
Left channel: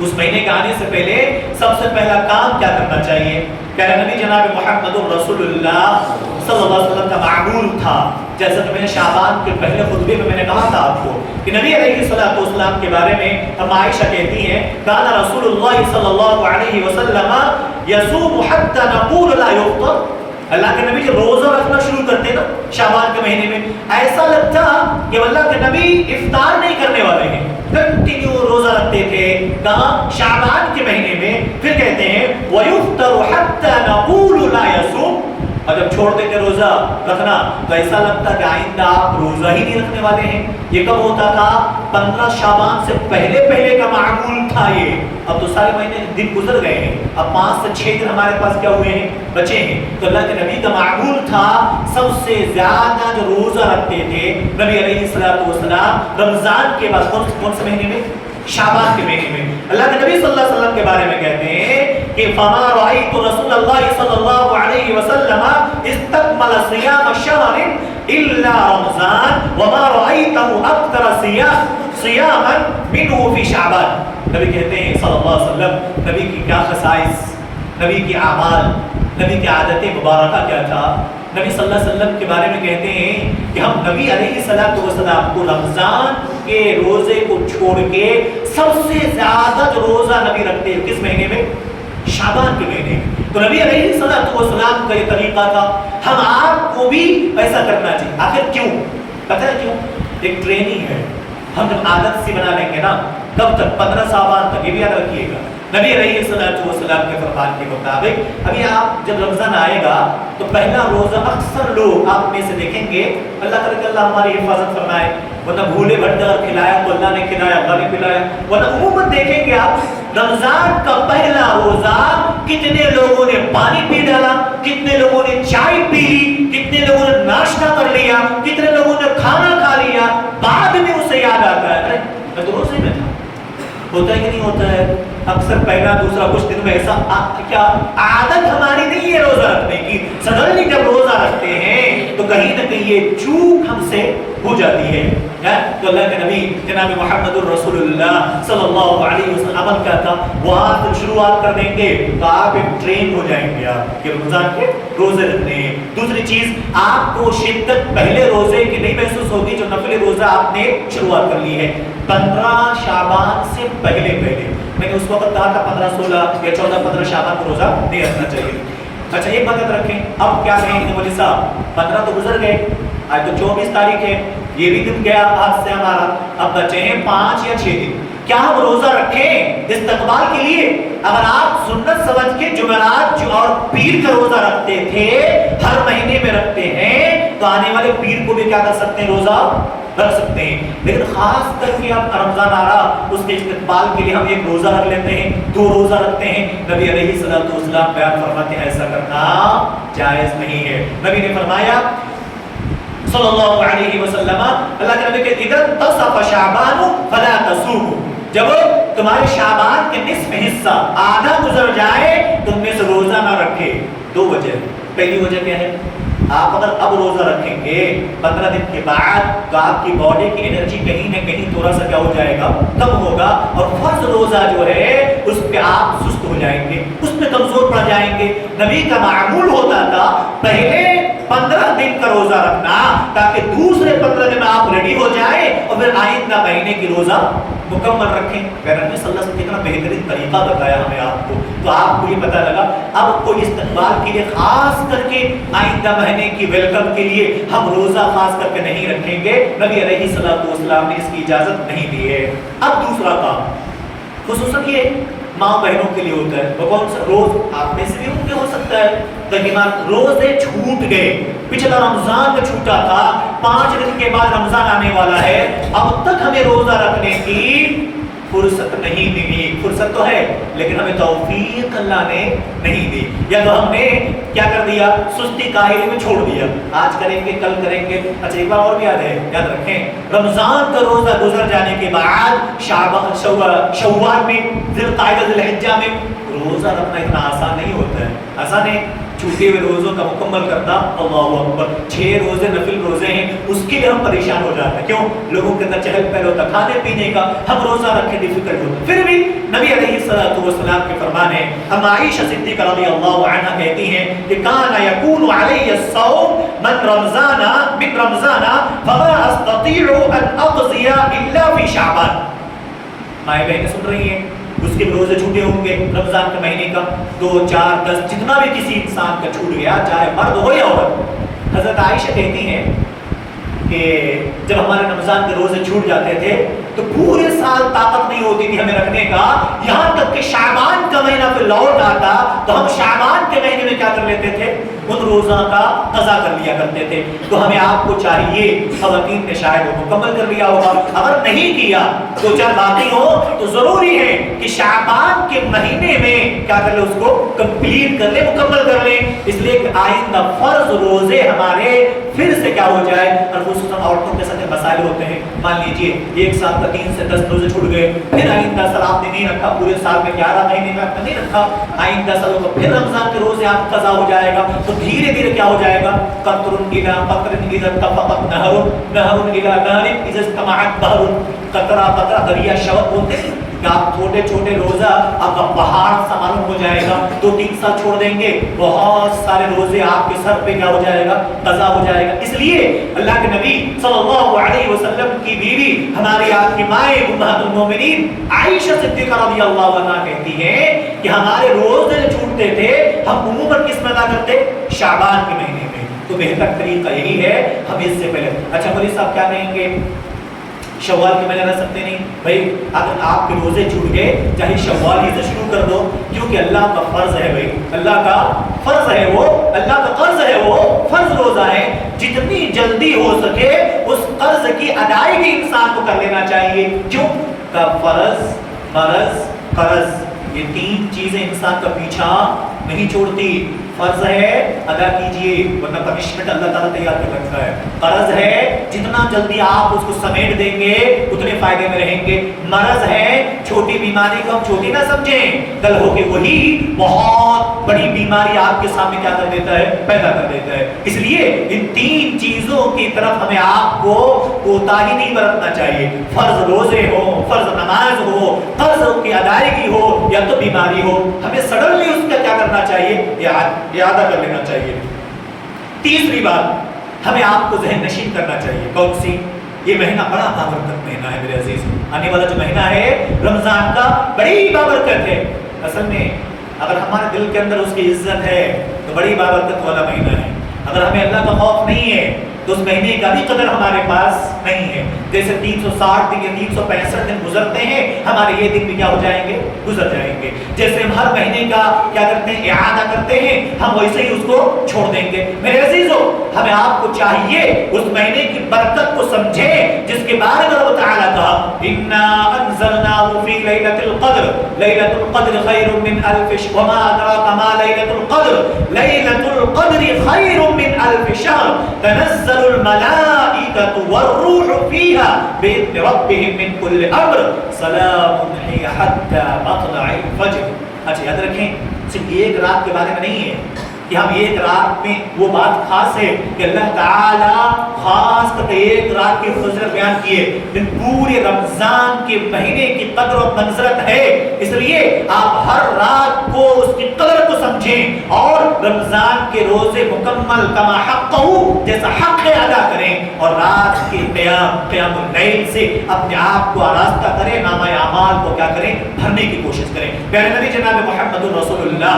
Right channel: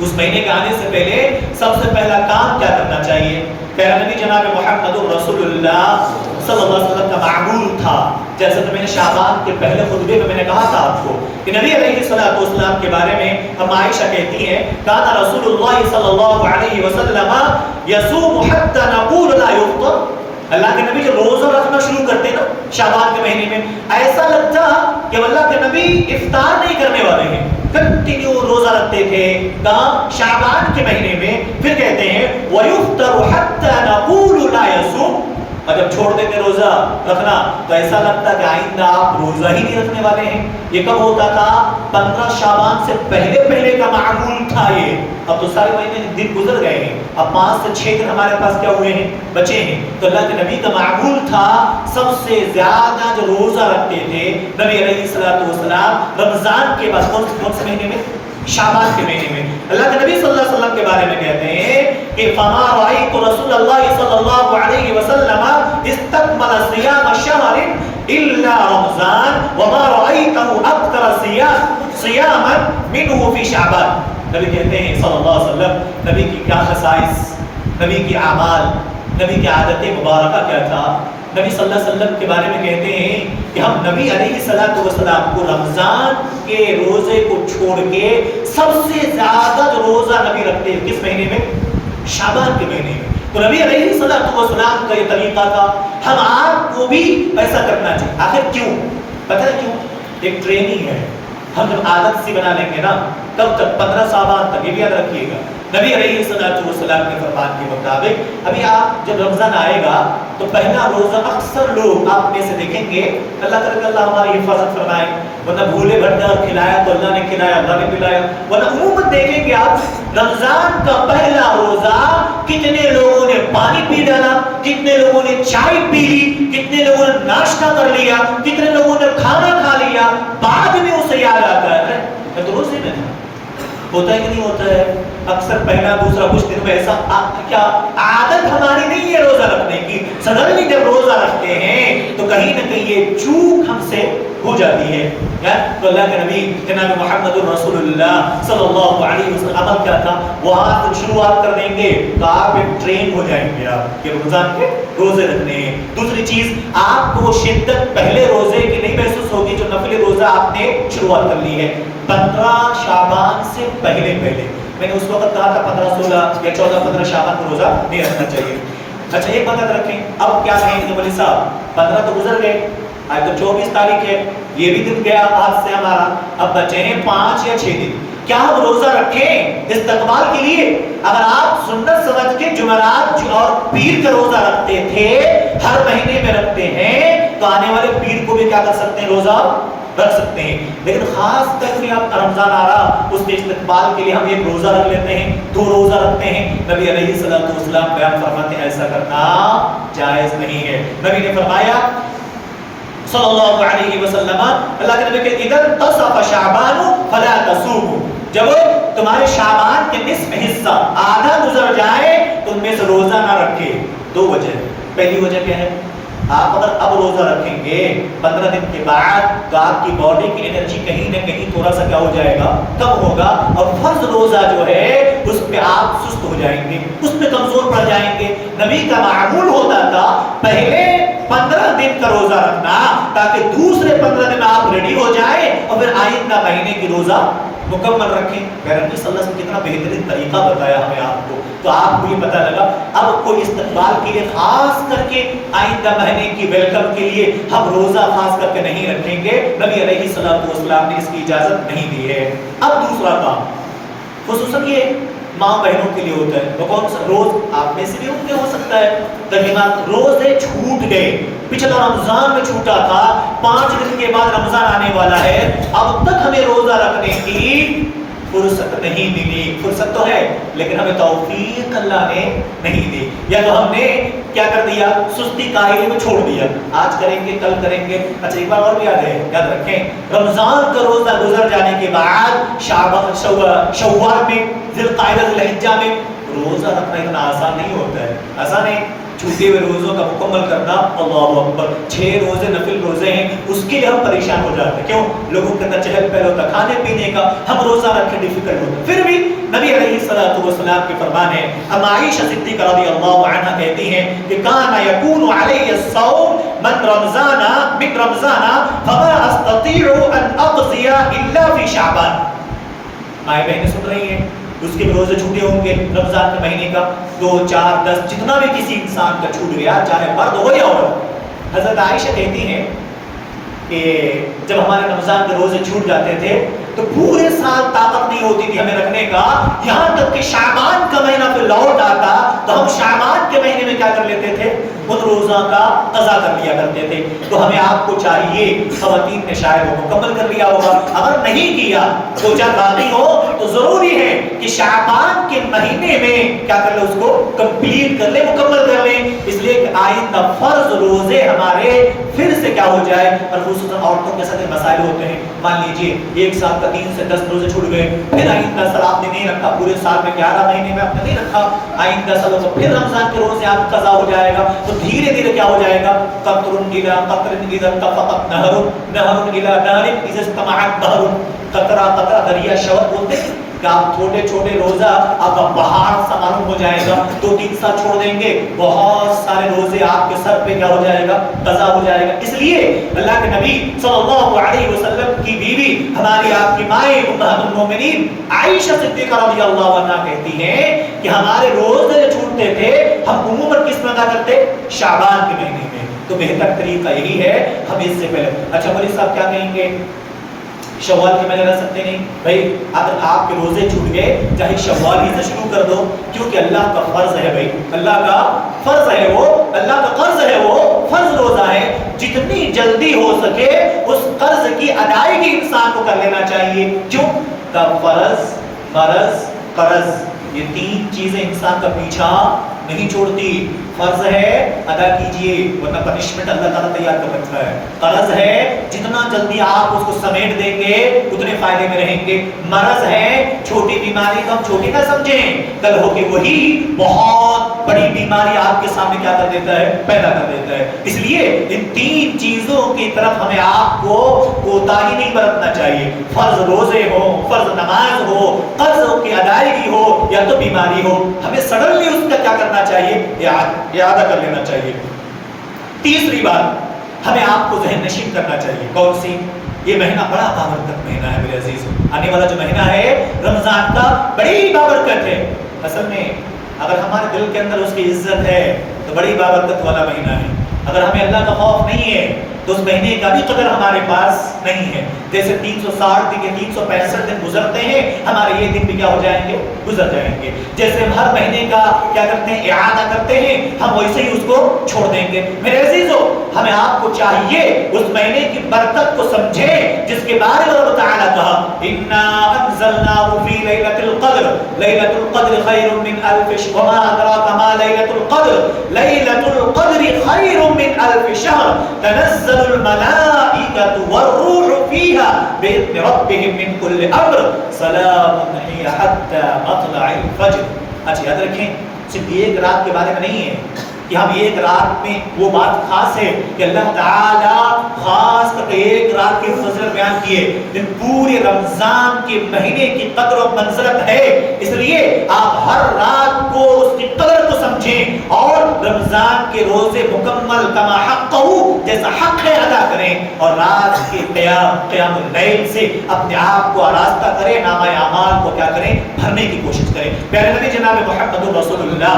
اس مہینے کے آنے سے پہلے سب سے پہلا کام کیا کرنا چاہیے؟ پیارے نبی جناب محمد رسول اللہ صلی اللہ علیہ وسلم کا معمول تھا، جیسا کہ میں نے شعبان کے پہلے خطبے میں نے کہا تھا آپ کو کہ نبی علیہ السلام کے بارے میں ہم عائشہ کہتی ہیں کان رسول اللہ صلی اللہ علیہ وسلم یصوم حتی نقول لا یفطر۔ اللہ کے نبی جو روزہ رکھنا شروع کرتے نا شعبان کے مہینے میں، ایسا لگتا کہ اللہ کے نبی افطار نہیں کرنے والے ہیں، کنٹینیو روزہ رکھتے تھے۔ کہاں؟ شعبان کے مہینے میں۔ پھر کہتے ہیں وَيُفْطَرُ حَتَّى نَقُولُ لَا يَصُومُ، اور جب چھوڑ دیں گے روزہ رکھنا تو ایسا لگتا کہ آئندہ آپ روزہ ہی نہیں رکھنے والے ہیں. یہ کب ہوتا تھا؟ 15 شعبان سے پہلے کا معمول تھا یہ. اب تو سارے مہینے دن گزر گئے ہیں, اب 5 سے 6 دن ہمارے پاس کیا ہوئے ہیں؟ بچے ہیں. تو اللہ کے نبی کا معمول تھا سب سے زیادہ جو روزہ رکھتے تھے نبی علیہ الصلوۃ والسلام رمضان کے بعد. کون سے مہینے میں؟ شعبان کے مہینے میں. اللہ کے نبی صلی اللہ علیہ وسلم کے بارے میں کہتے ہیں کہ فما رأيت رسول اللہ صلی اللہ علیہ وسلم استكمل صيام شهر الا رمضان وما رأيته اكثر صياما منه في شعبان. نبی کہتے ہیں صلی اللہ علیہ وسلم نبی کی کیا خصائص, نبی کی اعمال, نبی کی عادت مبارکہ کیا تھا. نبی صلی اللہ علیہ وسلم کے بارے میں کہتے ہیں کہ ہم نبی علیہ الصلوۃ والسلام کو رمضان کے روزے کو چھوڑ کے سب سے زیادہ جو روزہ نبی رکھتے ہیں کس مہینے میں؟ شعبان کے مہینے میں. تو نبی علیہ الصلوۃ والسلام کا یہ طریقہ تھا, ہم آپ کو بھی ایسا کرنا چاہیے. آخر کیوں؟ پتہ ہے کیوں؟ ایک ٹریننگ ہے. ہم جب عادت سی بنا لیں گے نا, کب تک؟ 15 شعبان تک. یہ بھی یاد رکھیے گا نبی علیہ الصلوۃ والسلام کے فرمان کے مطابق ابھی آپ جب رمضان آئے گا تو پہلا روزہ اکثر لوگ آپ میں سے دیکھیں گے, اللہ کرے کہ اللہ ہماری حفاظت فرمائے, ورنہ بھولے بھنڈار کھلایا تو اللہ نے کھلایا, اللہ نے پلایا, ورنہ عموماً دیکھیں گے آپ رمضان کا پہلا روزہ کتنے لوگوں نے پانی پی ڈالا, کتنے لوگوں نے چائے پی لی, کتنے لوگوں نے ناشتہ کر لیا, کتنے لوگوں نے کھانا کھا لیا, بعد میں اسے یاد آتا ہے ارے میں تو روزے میں تھا. ہوتا ہے کہ نہیں ہوتا ہے؟ اکثر پہلا دوسرا کچھ دن میں ایسا کیا عادت ہماری نہیں ہے روزہ رکھنے کی. سڈنلی جب روزہ رکھتے ہیں تو کہیں نہ کہیں یہ چوک ہم سے ہو جاتی ہے. تو اللہ کے نبی جناب محمد الرسول اللہ صلی اللہ علیہ وسلم عمل کیا تھا, وہ آج شروعات کر دیں گے تو آپ ایک ٹرین ہو جائیں گے آپ کہ رمضان کے روزے رکھنے ہیں. دوسری چیز, آپ کو شدت پہلے روزے کی نہیں محسوس ہوگی جو نفلی روزہ آپ نے شروعات کر لی ہے 15 شعبان سے پہلے. میں نے اس وقت کہا تھا 15 16 یا 14 15 شعبان کو روزہ نہیں رکھنا چاہیے. اچھا ایک بات یاد رکھیں, اب کیا کہیں گے مولوی صاحب 15 تو گزر گئے, آج تو 24 تاریخ ہے, یہ بھی دن گیا ہاتھ سے ہمارا, اب بچے ہیں 5 یا 6 دن. کیا ہم روزہ رکھیں استقبال کے لیے؟ اگر آپ سنت سمجھ کے جمعرات اور پیر کا روزہ رکھتے تھے, ہر مہینے میں رکھتے ہیں, تو آنے والے پیر کو بھی کیا کر سکتے ہیں؟ روزہ رکھ سکتے ہیں. لیکن خاص کر کے اب رمضان آ رہا, اس کے استقبال کے لیے ہم ایک روزہ رکھ لیتے ہیں, 2 روزہ رکھتے ہیں. نبی علیہ الصلوۃ والسلام بیان فرماتے ہیں ایسا کرنا جائز نہیں ہے. نبی نے فرمایا صلی اللہ علیہ وسلم, اللہ کے نبی کہ اذا انتصف شعبان فلا تصوموا, جب تمہارے شعبان کے نصف حصہ آدھا گزر جائے تو ان میں سے روزہ نہ رکھے. 2 وجہ. پہلی وجہ کیا ہے؟ آپ اگر اب روزہ رکھیں گے 15 دن کے بعد تو آپ کی باڈی کی انرجی کہیں نہ کہیں تھوڑا سا کیا ہو جائے گا؟ کم ہوگا, اور فرض روزہ جو ہے اس پہ آپ سست ہو جائیں گے, اس پہ کمزور پڑ جائیں گے. نبی کا معمول ہوتا تھا پہلے 15 دن کا روزہ رکھنا تاکہ دوسرے 15 دن آپ ریڈی ہو جائے اور پھر آئندہ مہینے کی روزہ مکمل رکھیں. نبی صلی اللہ علیہ وسلم کتنا بہترین طریقہ بتایا ہمیں آپ کو, تو آپ کو یہ پتہ لگا اب کوئی استقبال کے لیے خاص کر کے آئندہ مہینے کی ویلکم کے لیے ہم روزہ خاص کر کے نہیں رکھیں گے. نبی علیہ الصلوۃ والسلام نے اس کی اجازت نہیں دی ہے. اب دوسرا کام خصوصاً یہ ماں بہنوں کے لیے ہوتا ہے, وہ کون سا روز آپ میں سے بھی ان کے ہو سکتا ہے رحیمہ روزے چھوٹ گئے, پچھلا رمضان میں چھوٹا تھا, 5 دن کے بعد رمضان آنے والا ہے, اب تک ہمیں روزہ رکھنے کی فرصت نہیں ملی. فرصت تو ہے لیکن ہمیں توفیق اللہ نے نہیں دی, یا تو ہم نے کیا کر دیا؟ سستی کاہلی میں چھوڑ دیا, آج کریں گے کل کریں گے. اچھا ایک بار اور بھی یاد ہے, یاد رکھیں رمضان کا روزہ گزر جانے کے بعد شوال میں, ذی القعدہ ذی الحجہ میں روزہ رکھنا اتنا آسان نہیں ہوتا ہے. آسان ہے چھوٹے ہوئے روزوں کا مکمل کرنا, اللہ اکبر 6 روزے نفل روزے ہیں, اس کے لیے ہم پریشان ہو جاتے ہیں. کیوں؟ لوگوں کے اندر چہل پہل ہوتا, کھانے پینے کا, ہم روزہ رکھے ڈیفیکلٹ ہوتا. پھر بھی نبی علیہ الصلوۃ والسلام کے فرمان ہے, ہم عائشہ صدیقہ رضی اللہ عنہا کہتی ہیں کہ کان یکون علی الصوم من رمضان فما استطيع ان اقضي الا في شعبان. مائیں بہنیں سن رہی ہیں, اس کے روزے چھوٹے ہوں گے رمضان کے مہینے کا, 2 4 10 جتنا بھی کسی انسان کا چھوٹ گیا, چاہے مرد ہو یا عورت. حضرت عائشہ کہتی ہیں کہ جب ہمارے رمضان کے روزے چھوٹ جاتے تھے تو پورے سال طاقت نہیں نہیں ہوتی تھی ہمیں رکھنے کا، یہاں تک کہ شعبان کا مہینہ پھر لوٹ آتا تو ہم شعبان کے مہینے میں کیا کر لیتے تھے؟ ان روزہ کا قضا کر لیا کرتے تھے۔ تو ہمیں آپ کو چاہیے، خواتین نے شاید وہ مکمل کر لیا ہوگا، اگر نہیں کیا تو چار باقی ہو تو ضروری ہے کہ شعبان کے مہینے میں کیا کر لیں، اس کو کمپلیٹ کر لیں، مکمل کر لیں، اس لیے کہ آئندہ فرض روزے ہمارے پھر سے کیا ہو جائے۔ اور خصوصاً عورتوں کے ساتھ مسائل ہوتے ہیں، مان لیجئے ایک سال کا 3 سے 10 روزے چھوٹ گئے، پھر آئندہ سال آپ نے نہیں رکھا، پورے سال میں 11 مہینے میں آپ نے نہیں رکھا، آئندہ سالوں کو پھر رمضان کے روزے آپ قضا ہو جائے گا، تو دھیرے دھیرے کیا ہو جائے گا، قطر الى قطر اذا اتفقت نہر، نہر الى نہر اذا اجتمعت بحر، قطرہ قطرہ دریا شوق بولتے ہیں کہ آپ چھوٹے چھوٹے روزہ آپ کا پہاڑ سا معلوم ہو جائے گا، 2-3 سال چھوڑ دیں گے بہت سارے روزے آپ کے سر پہ کیا ہو جائے گا، قضا ہو جائے گا۔ اس لیے اللہ کے نبی صلی اللہ علیہ وسلم کی بیوی ہماری آپ کی مائیں امہات المومنین عائشہ صدیقہ رضی اللہ عنہا کہتی ہیں کہ ہمارے روزے جو چھوٹتے تھے ہم عموماً کس میں ادا کرتے؟ شعبان کے مہینے میں۔ تو بہتر طریقہ یہی ہے ہم اس سے پہلے، اچھا مولوی صاحب کیا کہیں گے، شوال کے مہینے رہ سکتے نہیں بھائی، اگر آپ کے روزے چھوٹ گئے چاہے شوال ہی سے شروع کر دو، کیونکہ اللہ کا فرض ہے بھائی، اللہ کا فرض ہے وہ، اللہ کا قرض ہے وہ، فرض روزہ ہے، جتنی جلدی ہو سکے اس قرض کی ادائیگی انسان کو کر لینا چاہیے۔ کیوں کہ فرض، مرض، قرض، یہ 3 چیزیں انسان کا پیچھا نہیں چھوڑتی۔ فرض ہے ادا کیجئے ورنہ پنشمنٹ اللہ تعالیٰ تیار کر رکھا ہے، قرض ہے جتنا جلدی آپ اس کو سمیٹ دیں گے اتنے فائدے میں رہیں گے، مرض ہے چھوٹی بیماری کو ہم چھوٹی نہ سمجھیں، کل ہو کے وہی بہت بڑی بیماری آپ کے سامنے کیا کر دیتا ہے، پیدا کر دیتا ہے۔ اس لیے ان 3 چیزوں کی طرف ہمیں آپ کو کوتاہی نہیں برتنا چاہیے، فرض روزے ہو، فرض نماز ہو، قرض کی ادائیگی ہو یا تو بیماری ہو، ہمیں سڈنلی اس کا کیا کرنا چاہیے، اعادہ کر لینا چاہیے۔ تیسری بات ہمیں آپ کو ذہن نشین کرنا چاہیے، کون سی؟ یہ مہینہ بڑا بابرکت مہینہ ہے میرے عزیز، آنے والا جو مہینہ ہے رمضان کا بڑی بابرکت ہے۔ اصل میں اگر ہمارے دل کے اندر اس کی عزت ہے تو بڑی بابرکت والا مہینہ ہے، اگر ہمیں اللہ کا خوف نہیں ہے تو اس مہینے کا بھی قدر ہمارے پاس نہیں ہے۔ جیسے 360 دن یا 365 دن گزرتے ہیں، ہمارے یہ دن بھی کیا ہو جائیں گے، گزر جائیں گے۔ جیسے ہم ہر مہینے کا کیا کرتے ہیں، اعادہ کرتے ہیں، ہم ویسے ہی اس کو چھوڑ دیں گے۔ میرے عزیزو، ہمیں آپ کو چاہیے اس مہینے کی برکت کو سمجھیں جس کے بارے میں اللہ تعالیٰ کہا اِنَّا أَنزَلْنَاهُ فِي لَيْلَةِ الْقَدْرِ لَيْلَةُ الْقَدْرِ خَيْرٌ مِّنْ أَلْفِ شَهْرٍ وَمَا أَدْرَاكَ مَا لَيْلَةُ الْقَدْرِ لَيْلَةُ الْقَدْرِ خَيْرٌ مِّنْ أَلْفِ شَهْرٍ تَنَزَّلُ الملائكة والروح فيها بإذن ربهم من كل أمر سلام هي حتى مطلع الفجر۔ اچھا یاد رکھیں صرف ایک رات کے بارے میں نہیں ہے کہ ہم ایک رات میں، وہ بات خاص ہے کہ اللہ تعالیٰ خاص کر کے ایک رات کی فضیلت بیان کی ہے، لیکن پورے رمضان کے مہینے کی قدر و منزلت ہے، اس لیے آپ ہر رات کو اس کی قدر کو سمجھیں اور رمضان کے روزے مکمل کما حقہ جیسا حق ہے ادا کریں، اور رات کے قیام اللیل سے اپنے آپ کو آراستہ کریں، نامہ اعمال کو کیا کریں، بھرنے کی کوشش کریں۔ پیارے نبی جناب محمد رسول اللہ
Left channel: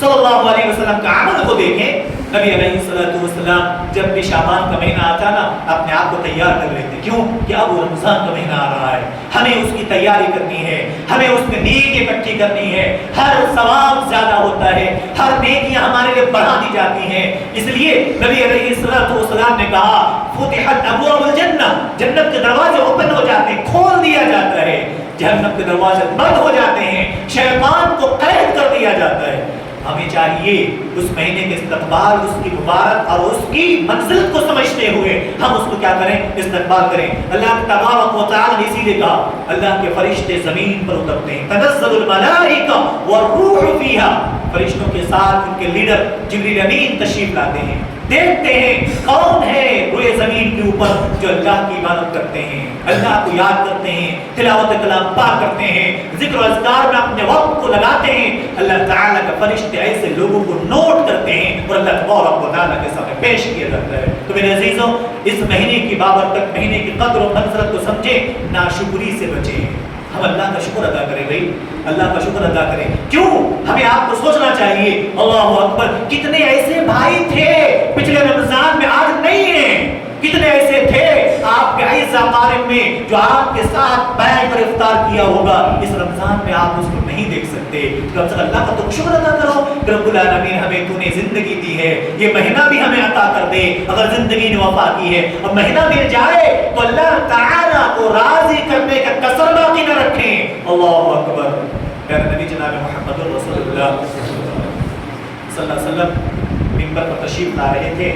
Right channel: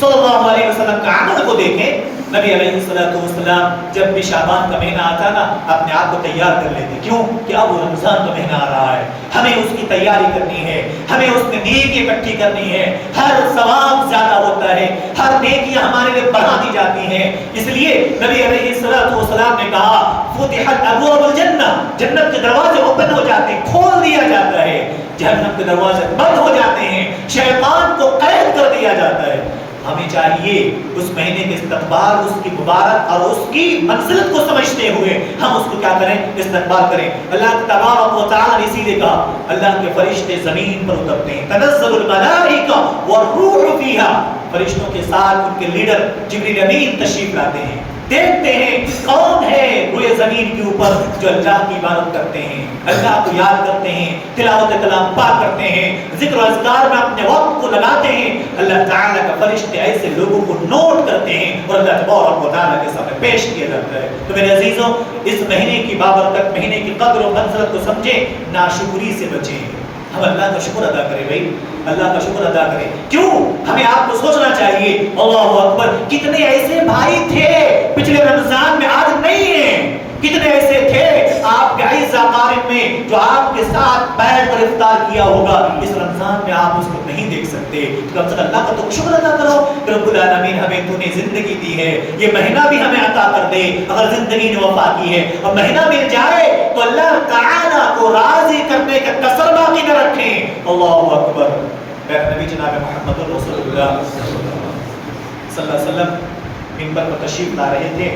صلی اللہ علیہ وسلم کا عمل کو دیکھیں، نبی علیہ السلام جب بھی شعبان کا مہینہ آتا نا اپنے آپ کو تیار کر لیتے، کیوں کہ اب وہ رمضان کا مہینہ آ رہا ہے، ہمیں اس کی تیاری کرنی ہے، ہمیں اس میں نیکی اکٹھی کرنی ہے، ہر ثواب زیادہ ہوتا ہے، ہر نیکیاں ہمارے لیے بڑھا دی جاتی ہیں۔ اس لیے نبی علیہ السلام نے کہا فتحت ابواب الجنہ، جنت کے دروازے اوپن ہو جاتے ہیں، کھول دیا جاتا ہے، جہنم کے دروازے بند ہو جاتے ہیں، شیطان کو قید کر دیا جاتا ہے۔ ہمیں چاہیے اس مہینے کے استقبال، اس کی مبارک اور اس کی منزلت کو سمجھتے ہوئے ہم اس کو کیا کریں، استقبال کریں۔ اللہ تبارک و تعالی نے اسی لیے کہا اللہ کے فرشتے زمین پر اترتے ہیں، تنزل الملائکہ والروح فیہا، فرشتوں کے ساتھ ان کے لیڈر جبریل امین تشریف لاتے ہیں، دیکھتے ہیں کون ہے روئے زمین کے اوپر جو اللہ کی عبادت کرتے ہیں، اللہ کو یاد کرتے ہیں، تلاوت کلام پاک کرتے ہیں، ذکر و اذکار میں اپنے وقت کو لگاتے ہیں۔ اللہ تعالیٰ کا فرشتے ایسے لوگوں کو نوٹ کرتے ہیں اور اللہ تبارک و تعالیٰ کے سامنے پیش کیا جاتا ہے۔ تو میرے عزیزوں، اس مہینے کی بابرکت، مہینے کی قدر و منزلت کو سمجھیں، ناشکری سے بچیں، ہم اللہ کا شکر ادا کریں بھائی، اللہ کا شکر ادا کریں۔ کیوں؟ ہمیں آپ کو سوچنا چاہیے اللہ اکبر، کتنے ایسے بھائی تھے پچھلے رمضان میں آج نہیں ہیں، کتنے ایسے تھے آپ کے عیزہ قارب میں جو آپ کے ساتھ بیٹھ کر افطار کیا ہوگا، اس رمضان میں آپ اس کو نہیں دیکھ سکتے۔ کم سے کم اللہ کا تو شکر ادا کرو کہ رب العالمین ہمیں تو نے زندگی دی ہے، یہ مہینہ بھی ہمیں عطا کر دے۔ اگر زندگی نے وفا کی ہے اور مہینہ مل جائے تو اللہ تعالیٰ کو راضی کرنے کا کسر باقی نہ رکھیں۔ اللہ اکبر۔ پیارے نبی جناب محمد رسول اللہ صلی اللہ علیہ وسلم منبر پر تشریف لا رہے تھے،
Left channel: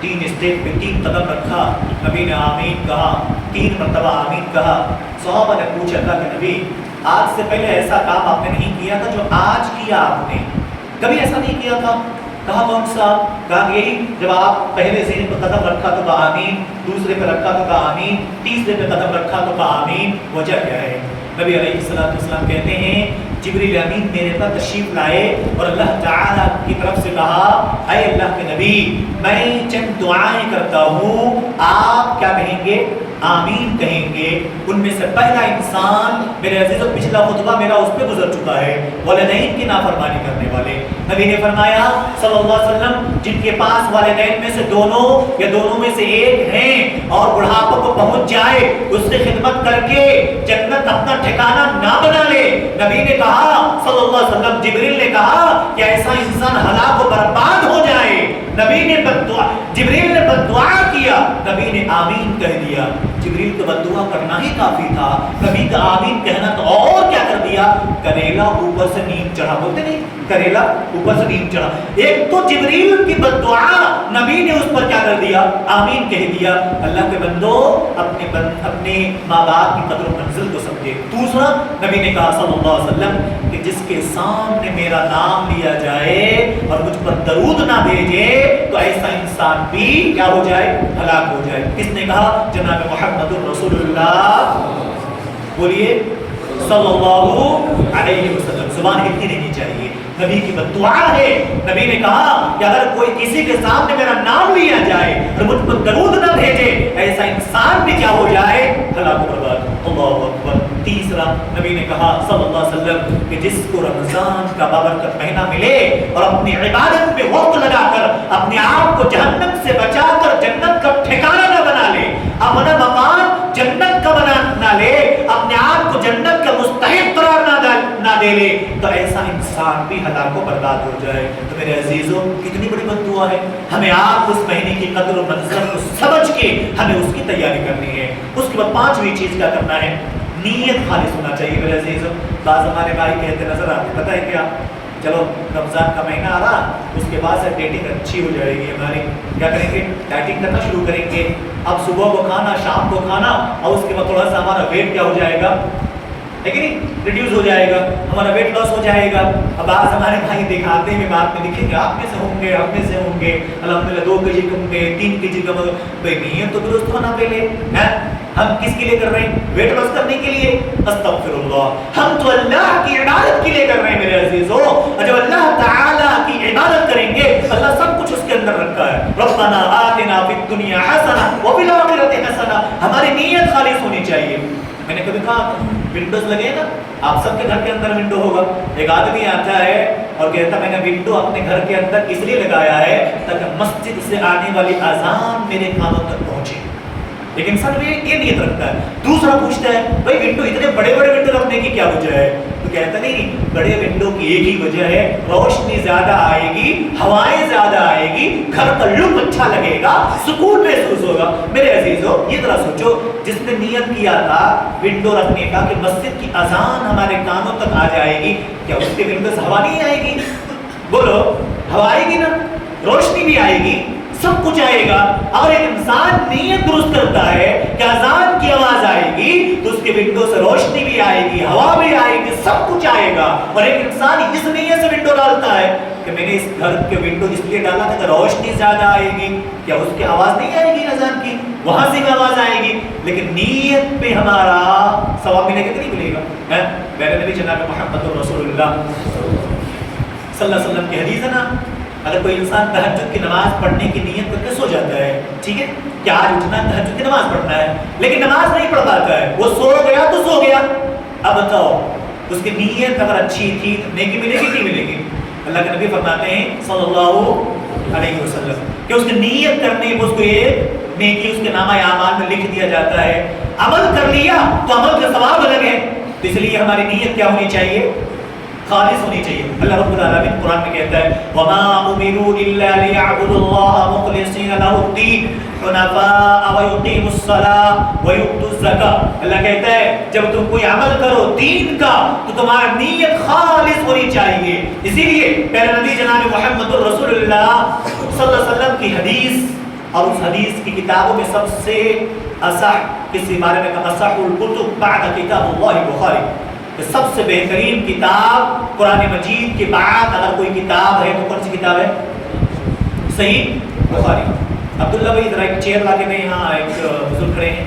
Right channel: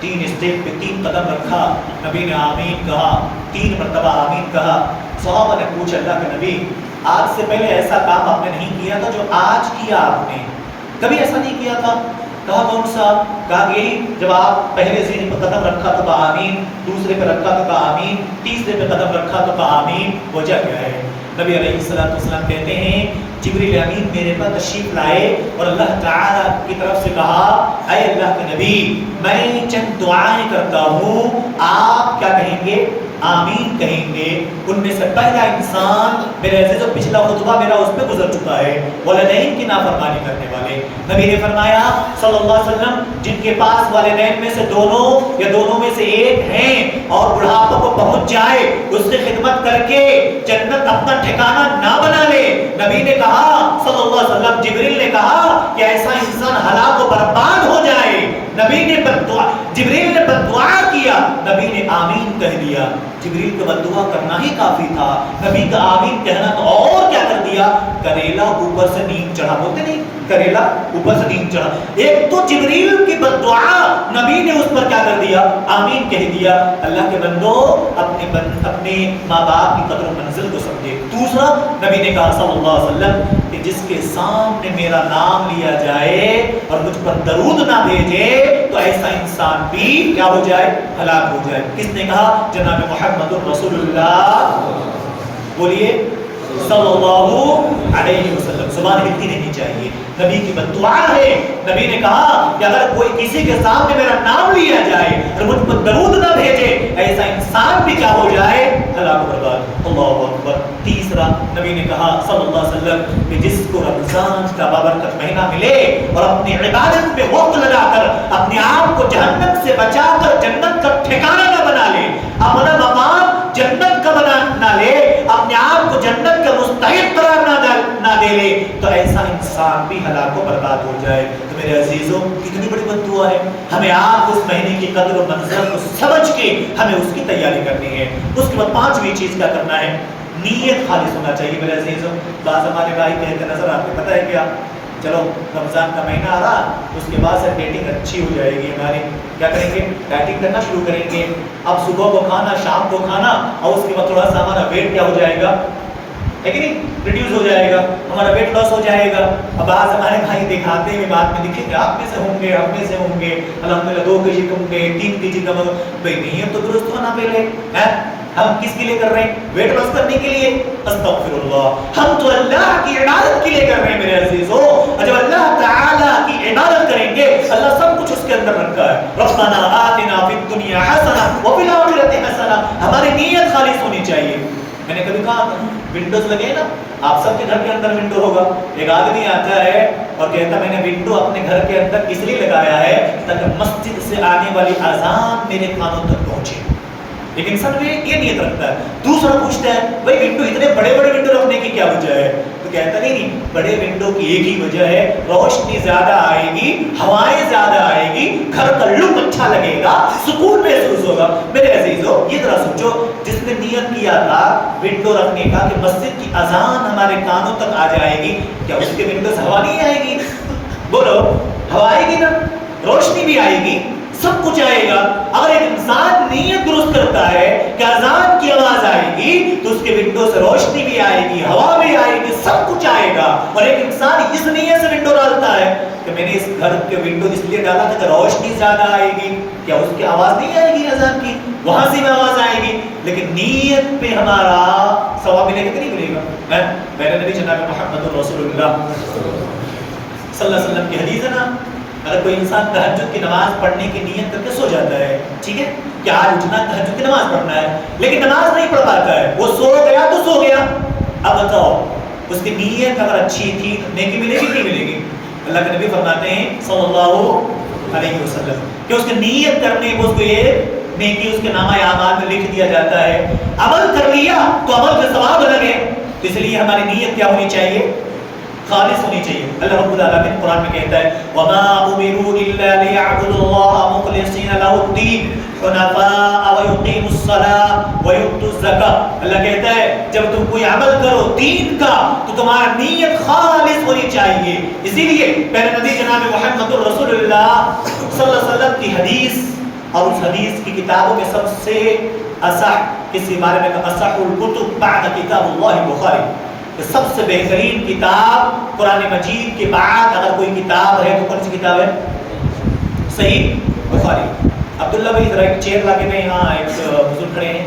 3 اسٹیپ پہ 3 قدم رکھا، نبی نے آمین کہا، 3 مرتبہ آمین کہا۔ صحابہ نے پوچھا اللہ کے نبی آج سے پہلے ایسا کام آپ نے نہیں کیا تھا جو آج کیا آپ نے، کبھی ایسا نہیں کیا تھا؟ کہا کون سا؟ کہا یہی جب آپ پہلے زین پہ قدم رکھا تو کہا آمین، دوسرے پہ رکھا تو کہا آمین، تیسرے پہ قدم رکھا تو کہا آمین۔ وجہ کیا ہے؟ نبی علیہ السلام کہتے ہیں جبریل امین میرے پاس تشریف لائے اور اللہ تعالیٰ کی طرف سے کہا اے اللہ کے نبی میں چند دعائیں کرتا ہوں، آپ کیا کہیں گے؟ آمین کہیں گے۔ ان میں سے پہلا انسان میرے عزیز و پچھلا خطبہ میرا اس پہ گزر چکا ہے، والدین کی نافرمانی کرنے والے۔ نبی نے فرمایا صلی اللہ علیہ وسلم جن کے پاس والدین میں سے دونوں یا دونوں میں سے ایک ہیں اور بڑھاپے کو پہنچ جائے اس سے خدمت کر کے جنت اپنا ٹھکانہ نہ بنا لے۔ نبی نے کہا صلی اللہ علیہ وسلم، جبریل نے کہا کہ ایسا انسان ہلاک و برباد ہو جائے۔ نبی نے جبریل نے بددعا کیا، نبی نے آمین کہہ دیا۔ جبریل کو بددعا کرنا ہی کافی تھا، نبی کا آمین کہنا تو اور کیا کر دیا؟ کریلا اوپر سے نیند چڑھا، بولتے نہیں کریلا اوپر سے نیند چڑھا۔ ایک تو جبریل کی بددعا، نبی نے اس پر کیا کر دیا؟ آمین کہہ دیا۔ اللہ کے بندو اپنے ماں باپ کی قدر و منزل کو سمجھے۔ دوسرا نبی نے کہا صلی اللہ علیہ وسلم کہ جس کے سامنے میرا نام لیا جائے اور مجھ پر درود نہ بھیجے تو ایسا انسان بھی کیا ہو جائے؟ ہلاک ہو جائے۔ کس نے کہا؟ جناب محمد رسول اللہ، بولیے صلی اللہ علیہ وسلم۔ زبان ہلتی نہیں چاہیے، نبی کی بددعا ہے۔ نبی نے کہا کہ اگر کوئی کسی کے سامنے میرا نام لیا جائے اور مجھ پر درود نہ بھیجے ایسا انسان بھی کیا ہو جائے؟ ہلاک و برباد۔ اللہ اکبر۔ تیسرا نبی نے کہا صلی اللہ علیہ وسلم کہ جس کو رمضان کا بابرکت مہینہ ملے اور اپنی عبادت پہ وقت لگا کر اپنے آپ کو جہنم سے بچا کر جنت کا ٹھکانہ نہ بنا لے، اپنا مقام جنت کا بنا نہ لے، اپنے آپ کو جنت کا مستحق قرار نہ دے لے تو ایسا انسان بھی ہلاک و برباد ہو جائے۔ تو میرے عزیزوں کتنی بڑی بددعا ہے۔ ہمیں آپ اس مہینے کی قدر و منزل کو سمجھ کے ہمیں اس کی تیاری کرنی ہے۔ اس کے بعد 5ویں چیز کیا کرنا ہے؟ نیت خالص ہونا چاہیے میرے عزیزوں۔ بعض ہمارے بھائی کہتے نظر آتے پتہ ہے کیا، چلو رمضان کا مہینہ آ رہا اس کے بعد سے ڈیٹنگ اچھی ہو جائے گی ہماری، کیا کریں گے؟ ڈیٹنگ کرنا شروع کریں گے۔ اب صبح کو کھانا، شام کو کھانا اور اس کے بعد تھوڑا سا ہمارا ویٹ کیا ہو جائے گا، ہے کہ نہیں؟ ریڈیوز ہو جائے گا، ہمارا ویٹ لاس ہو جائے گا۔ اب آج ہمارے بھائی دکھاتے ہوئے بات میں دکھیں گے آپ میں سے ہوں گے، ہم میں سے ہوں گے، الحمدللہ 2 کیجی کم گئے، 3 کیجی کم گئے۔ بھائی نیت تو درست ہونا پہلے ہے۔ ہم کس کے لیے کر رہے ہیں؟ ویٹ لاس کرنے کے لیے؟ استغفر اللہ، ہم تو اللہ کی عبادت کے لیے کر رہے ہیں میرے عزیزوں۔ اور جب اللہ تعالیٰ کی عبادت کریں گے اللہ سب کچھ اس کے اندر رکھا ہے۔ ربنا آتنا فی الدنیا حسنہ وفی الآخرۃ حسنہ، ہماری نیت خالص ہونی چاہیے۔ میں نے کبھی کہا ونڈوز لگے ہیں نا، آپ سب کے گھر کے اندر ونڈو ہوگا۔ ایک آدمی آتا ہے اور کہتا میں نے ونڈو اپنے گھر کے اندر اس لیے لگایا ہے تاکہ مسجد سے آنے والی اذان میرے کانوں تک پہنچے، لیکن سر یہ نیت رکھتا ہے۔ دوسرا پوچھتا ہے بھائی ونڈو اتنے بڑے بڑے ونڈو رکھنے کی کیا وجہ ہے؟ تو کہتا نہیں بڑے ونڈو کی ایک ہی وجہ ہے، روشنی زیادہ آئے گی، ہوائیں زیادہ آئے گی، گھر کا لک اچھا لگے گا، سکون محسوس ہوگا۔ میرے عزیزوں یہ ذرا سوچو، جس نے نیت کیا تھا ونڈو رکھنے کا کہ مسجد کی اذان ہمارے کانوں تک آ جائے گی، کیا اس کے ونڈو سے ہوا نہیں آئے گی؟ بولو، ہوا آئے گی نا، روشنی بھی آئے گی، سب کچھ آئے گا۔ اگر ایک انسان نیت درست کرتا ہے کہ اذان کی آواز آئے گی تو اس کے ونڈو سے روشنی بھی آئے گی، ہوا بھی آئے گی، سب کچھ آئے گا۔ اور ایک انسان اس نیت سے ونڈو ڈالتا ہے کہ میں نے اس گھر کے ونڈو اس لیے ڈالا تھا کہ روشنی زیادہ آئے گی، کیا اس کی آواز نہیں آئے گی اذان کی؟ وہاں سے بھی آواز آئے گی، لیکن نیت پہ ہمارا ثواب ملے گا کہ نہیں ملے گا؟ میرے نبی جناب محمد رسول اللہ صلی اللہ علیہ وسلم کی حدیث ہے نا، اگر کوئی انسان تہجد کی نماز پڑھنے کی نیت کر کے سو جاتا ہے، ٹھیک ہے کہ آج اٹھنا تہجد کی نماز پڑھنا ہے، لیکن نماز نہیں پڑھ پاتا ہے، وہ سو گیا تو سو گیا، اب بتاؤ اس کی نیت اگر اچھی تھی تو نیکی ملے گی نہیں ملے گی؟ اللہ کے نبی فرماتے ہیں صلی اللہ علیہ وسلم کہ اس کی نیت کرنے میں اس کو ایک نیکی اس کے نامہ اعمال میں لکھ دیا جاتا ہے. عمل کر لیا تو عمل کا ثواب الگ ہے. تو اس لیے ہماری نیت کیا ہونی چاہیے؟ خالص ہونی چاہیے. اللہ رب العالمین قرآن میں کہتا ہے وَمَا أُمِرُوا إِلَّا لِيَعْبُدُوا اللَّهَ مُخْلِصِينَ لَهُ الدِّينَ حُنَفَاءَ وَيُقِيمُوا الصَّلَاةَ وَيُؤْتُوا الزَّكَاةَ. اللہ کہتا ہے جب تم کوئی عمل کرو دین کا تو تمہارا نیت خالص ہونی چاہیے. اسی لیے پیارے نبی جناب محمد الرسول اللہ صلی اللہ علیہ وسلم کی حدیث اور اس حدیث کی کتابوں میں سب سے اصح کسی بارے میں اصح الکتب بعد کتاب اللہ بخاری، سب سے بہترین کتاب قرآن مجید کے بعد اگر کوئی کتاب ہے تو کون سی کتاب ہے؟ صحیح بخاری. عبداللہ بھائی ذرا ایک چیئر لا کے دیں، یہاں ایک بزرگ کھڑے ہیں.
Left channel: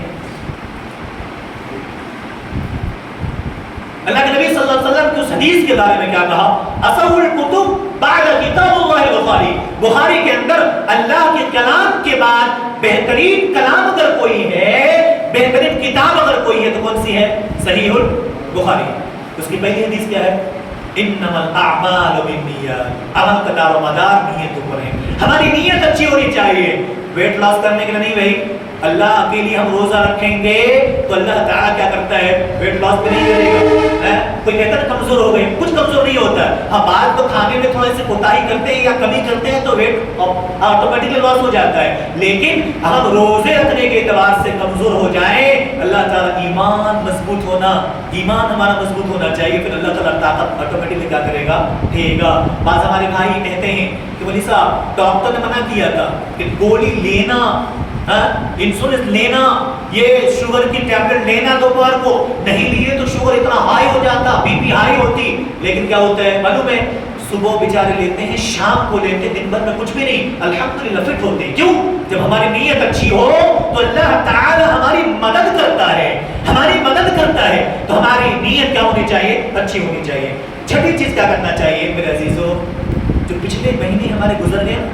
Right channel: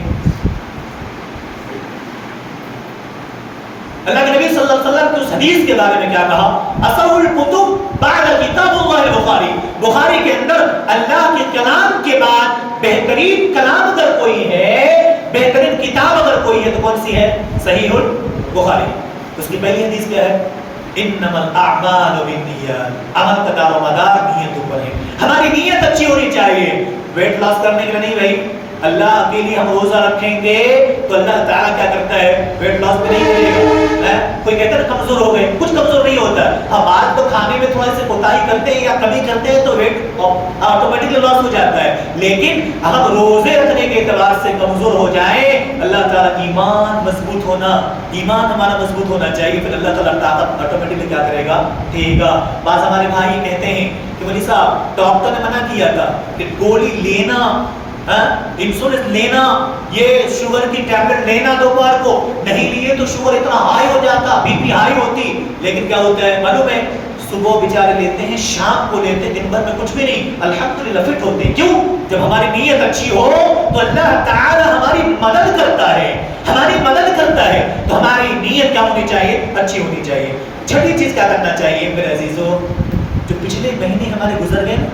اللہ کے نبی صلی اللہ علیہ وسلم کی اس حدیث کے بارے میں کیا کہا؟ اصح الکتب بعد کتاب اللہ بخاری. بخاری کے اندر اللہ کے کلام کے بعد بہترین کلام اگر کوئی ہے، بہترین کتاب اگر کوئی ہے تو کون سی ہے؟ صحیح البخاری. اس کی پہلی حدیث کیا ہے؟ انما الاعمال بالنیات. عمل کا دار و مدار نیتوں پر ہے. ہماری نیت اچھی ہونی چاہیے. ویٹ لاس کرنے کے لیے نہیں بھائی، اللہ کے لیے ہم روزہ رکھیں گے تو اللہ تعالیٰ کیا کرتا ہے؟ ویٹ لاس میں نہیں کرے گا. کوئی کہتا ہے کمزور ہو گئے، کچھ کمزور نہیں ہوتا ہے. ہم بات تو کھانے میں تھوڑے سے کوتاہی کرتے ہیں یا کمی کرتے ہیں تو ویٹ آٹومیٹکلی لاس ہو جاتا ہے. لیکن ہم روزے رکھنے کے اعتبار سے کمزور ہو جائیں، اللہ تعالیٰ ایمان مضبوط ہونا، ایمان ہمارا مضبوط ہونا چاہیے، پھر اللہ تعالیٰ طاقت آٹومیٹکلی کیا کرے گا؟ دے گا. بعض ہمارے بھائی کہتے ہیں کہ ولی صاحب ڈاکٹر نے منع کیا تھا کہ گولی لینا، انسولین لینا، یہ شوگر کی ٹیبلٹ لینا دوپہر کو، نہیں لیے تو شوگر اتنا ہائی ہو جاتا، بی پی ہائی ہوتی. لیکن کیا ہوتا ہے معلوم ہے؟ صبح بیچارے لیتے ہیں، شام کو لیتے ہیں، دن بھر میں کچھ بھی نہیں، الحمدللہ فٹ ہوتے ہیں. کیوں؟ جب ہماری نیت اچھی ہو تو اللہ تعالی ہماری مدد کرتا ہے، ہماری مدد کرتا ہے. تو ہماری نیت کیا ہونی چاہیے؟ اچھی ہونی چاہیے. چھٹی چیز کیا کرنا چاہیے میرے عزیزو؟ جو پچھلے مہینے ہمارے گزر گئے نا،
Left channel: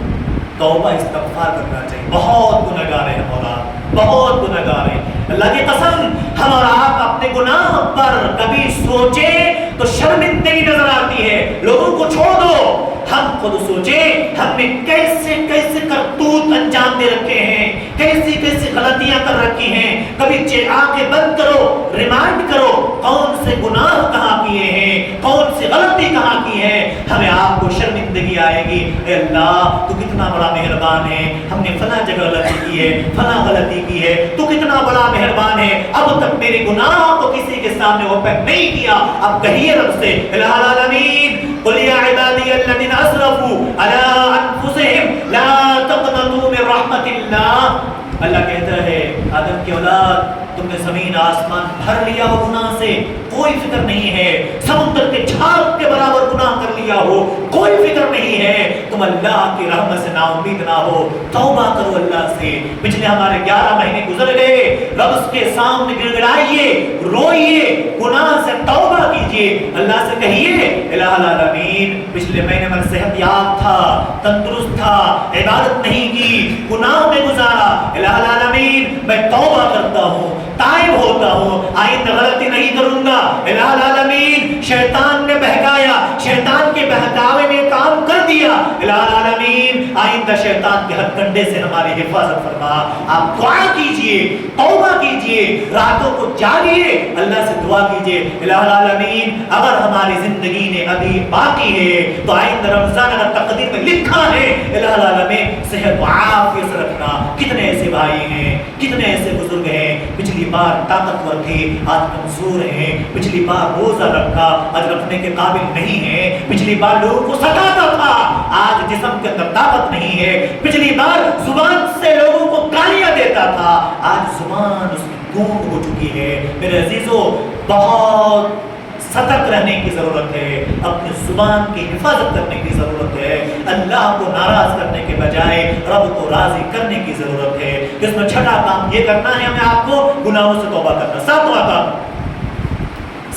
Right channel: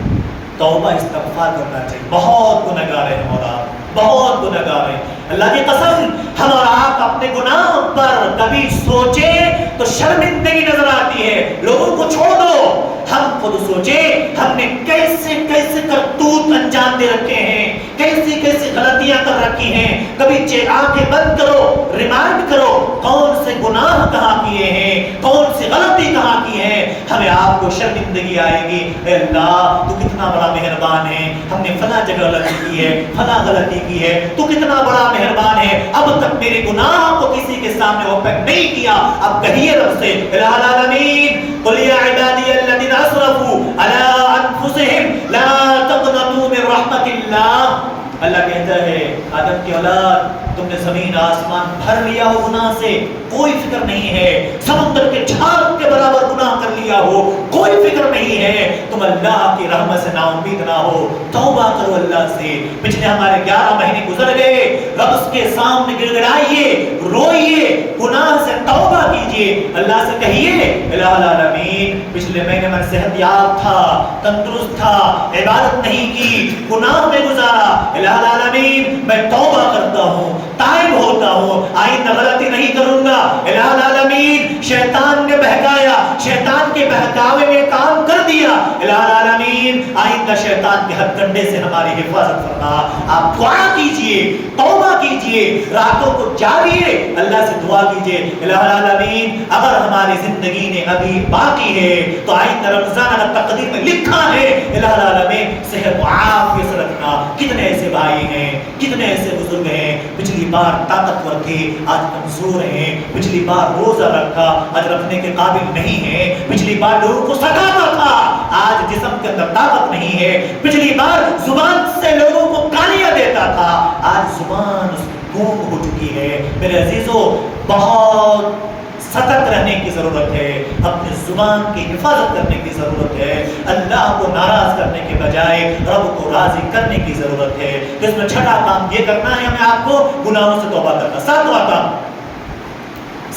توبہ استغفار کرنا چاہیے. بہت گنہگار ہیں ہم اور آپ، بہت گنہگار ہیں. اللہ کی قسم ہم اور آپ اپنے گناہ پر کبھی سوچیں تو شرمندگی نظر آتی ہے. لوگوں کو چھوڑ دو، ہم خود سوچیں ہم نے کیسے کیسے کرتوت انجام دے رکھے ہیں، کیسی کیسی غلطیاں کر رکھی ہیں. کبھی آنکھیں بند کرو، ریمائنڈ کرو کون سے گناہ کہاں کیے ہیں، کون سی غلطی کہاں کی ہے. ہمیں آپ کو شرمندگی آئے گی، اے اللہ تو کتنا بڑا مہربان ہے، ہم نے فلاں جگہ غلطی کی ہے، فلاں غلطی کی ہے، تو کتنا بڑا مہربان ہے، اب تک میرے گناہ کو کسی کے سامنے اوپن نہیں کیا. اب کہیے رب سے الہ العالمین قل یا عبادی الذین اسرفوا علی انفسہم لا تقنطوا من رحمت اللہ. اللہ کہتا ہے آدم کی اولاد تم نے زمین آسمان بھر لیا ہو گناہ سے، کوئی فکر نہیں ہے. سمندر کے جھاگ کے برابر گناہ کر لیا ہو، کوئی فکر نہیں ہے. تم اللہ کی رحمت سے نا امید نہ ہو، توبہ کرو اللہ سے. پچھلے ہمارے 11 مہینے گزر گئے، رب کے سامنے گڑ گڑائیے، روئیے، گناہ سے توبہ کیجئے. اللہ سے کہیے الہ العالمین پچھلے مہینے میں صحت یاب تھا، تندرست تھا، عبادت نہیں کی، گناہ میں گزارا. الہ العالمین میں توبہ کرتا ہوں، تائب ہوتا ہوں، آئندہ غلطی نہیں کروں گا. الہ العالمین شیطان نے بہکایا، شیطان کے بہکاوے میں کام کر دیا. الہ العالمین آئندہ شیطان کے ہتھ کنڈے سے ہماری حفاظت فرما. آپ دعا کیجئے، توبہ کیجئے، راتوں کو جاگیے، اللہ سے دعا کیجئے. الہ العالمین اگر ہماری زندگی نے ابھی باقی ہے تو آئندہ رمضان اگر تقدیر میں لکھا ہے، الہ العالمین صحت و عافیت سے رکھنا. کتنے ایسے بھائی ہیں، کتنے ایسے بزرگ ہیں پچھلی بار طاقتور تھے آج کمزور ہیں، پچھلی بار روزہ رکھا آج رکھنے کے قابل نہیں ہے، پچھلی بار لوگوں کو ستاتا تھا آج جسم کے اندر طاقت نہیں ہے، پچھلی بار زبان سے لوگوں کو گالیاں دیتا تھا آج زبان اس کی گونگ ہو چکی ہے. میرے عزیزو بہت سترک رہنے کی ضرورت ہے، اپنی زبان کی حفاظت کرنے کی ضرورت ہے. اللہ کو ناراض کرنے کے بجائے رب کو راضی کرنے کی ضرورت ہے. اس میں چھٹا کام یہ کرنا ہے ہمیں آپ کو گناہوں سے توبہ کرنا. ساتواں کام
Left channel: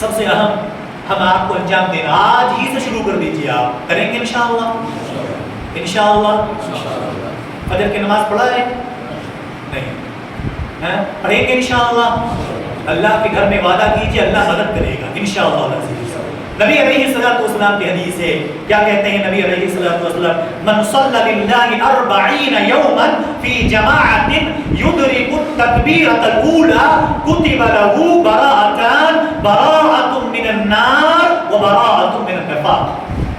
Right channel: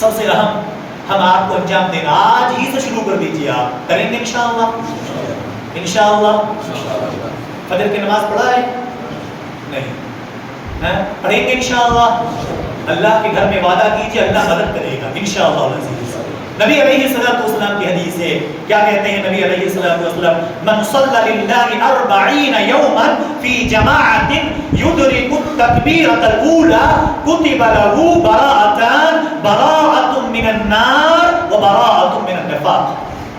سب سے اہم ہم آپ کو انجام دینا، آج ہی سے شروع کر دیجیے. آپ کریں گے انشاءاللہ؟ انشاءاللہ. فجر کی نماز پڑھا ہے؟ نہیں پڑھیں گے انشاءاللہ. اللہ کے گھر میں وعدہ کیجئے اللہ مدد کرے گا انشاءاللہ العزیز. نبی علیہ السلام کی حدیث ہے، کیا کہتے ہیں نبی علیہ السلام؟ من صلی للہ 40 یوما فی جماعت یدرک التکبیرۃ الاولی کتب له براءۃ من النار وبراءۃ من النفاق۔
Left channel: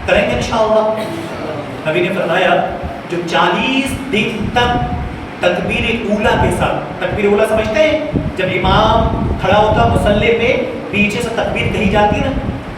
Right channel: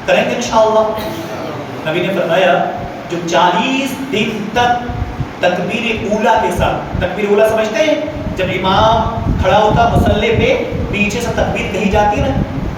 کریں گے انشاءاللہ؟ نبی نے فرمایا جو 40 دن تک تکبیر اولا کے ساتھ، تکبیر اولا سمجھتے ہیں؟ جب امام کھڑا ہوتا مصلی پہ، پیچھے سے تکبیر کہی جاتی ہے نا،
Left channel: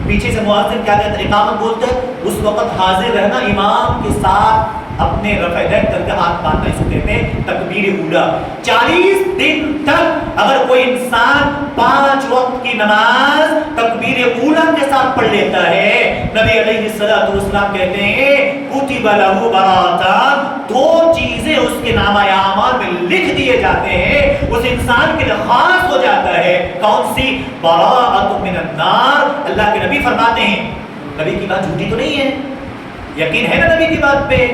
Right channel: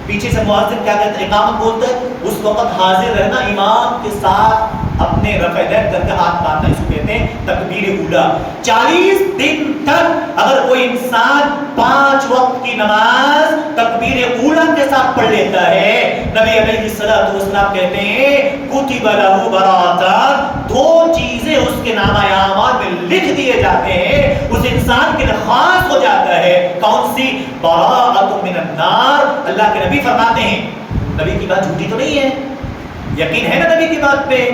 پیچھے سے مؤذن کیا کہتا ہے؟ اقامت بولتا ہے، اس وقت حاضر رہنا امام کے ساتھ، اپنے رفع دین کر کے ہاتھ باندھنا، اسے کہتے ہیں تکبیر اولا۔ 40 دن تک اگر کوئی انسان 5 وقت کی نماز تکبیر اولا کے ساتھ پڑھ لیتا ہے، نبی علیہ السلام کہتے ہیں کتب لہ براءتان، 2 چیزیں اس کے نامہ اعمال میں لکھ دیے جاتے ہیں، اس انسان کے لیے خاص ہو جاتا ہے۔ کون سی؟ براءۃ من النار۔ اللہ کے نبی فرماتے ہیں، نبی کی بات جھوٹی تو نہیں ہے، یقین ہے نا نبی کی بات پہ؟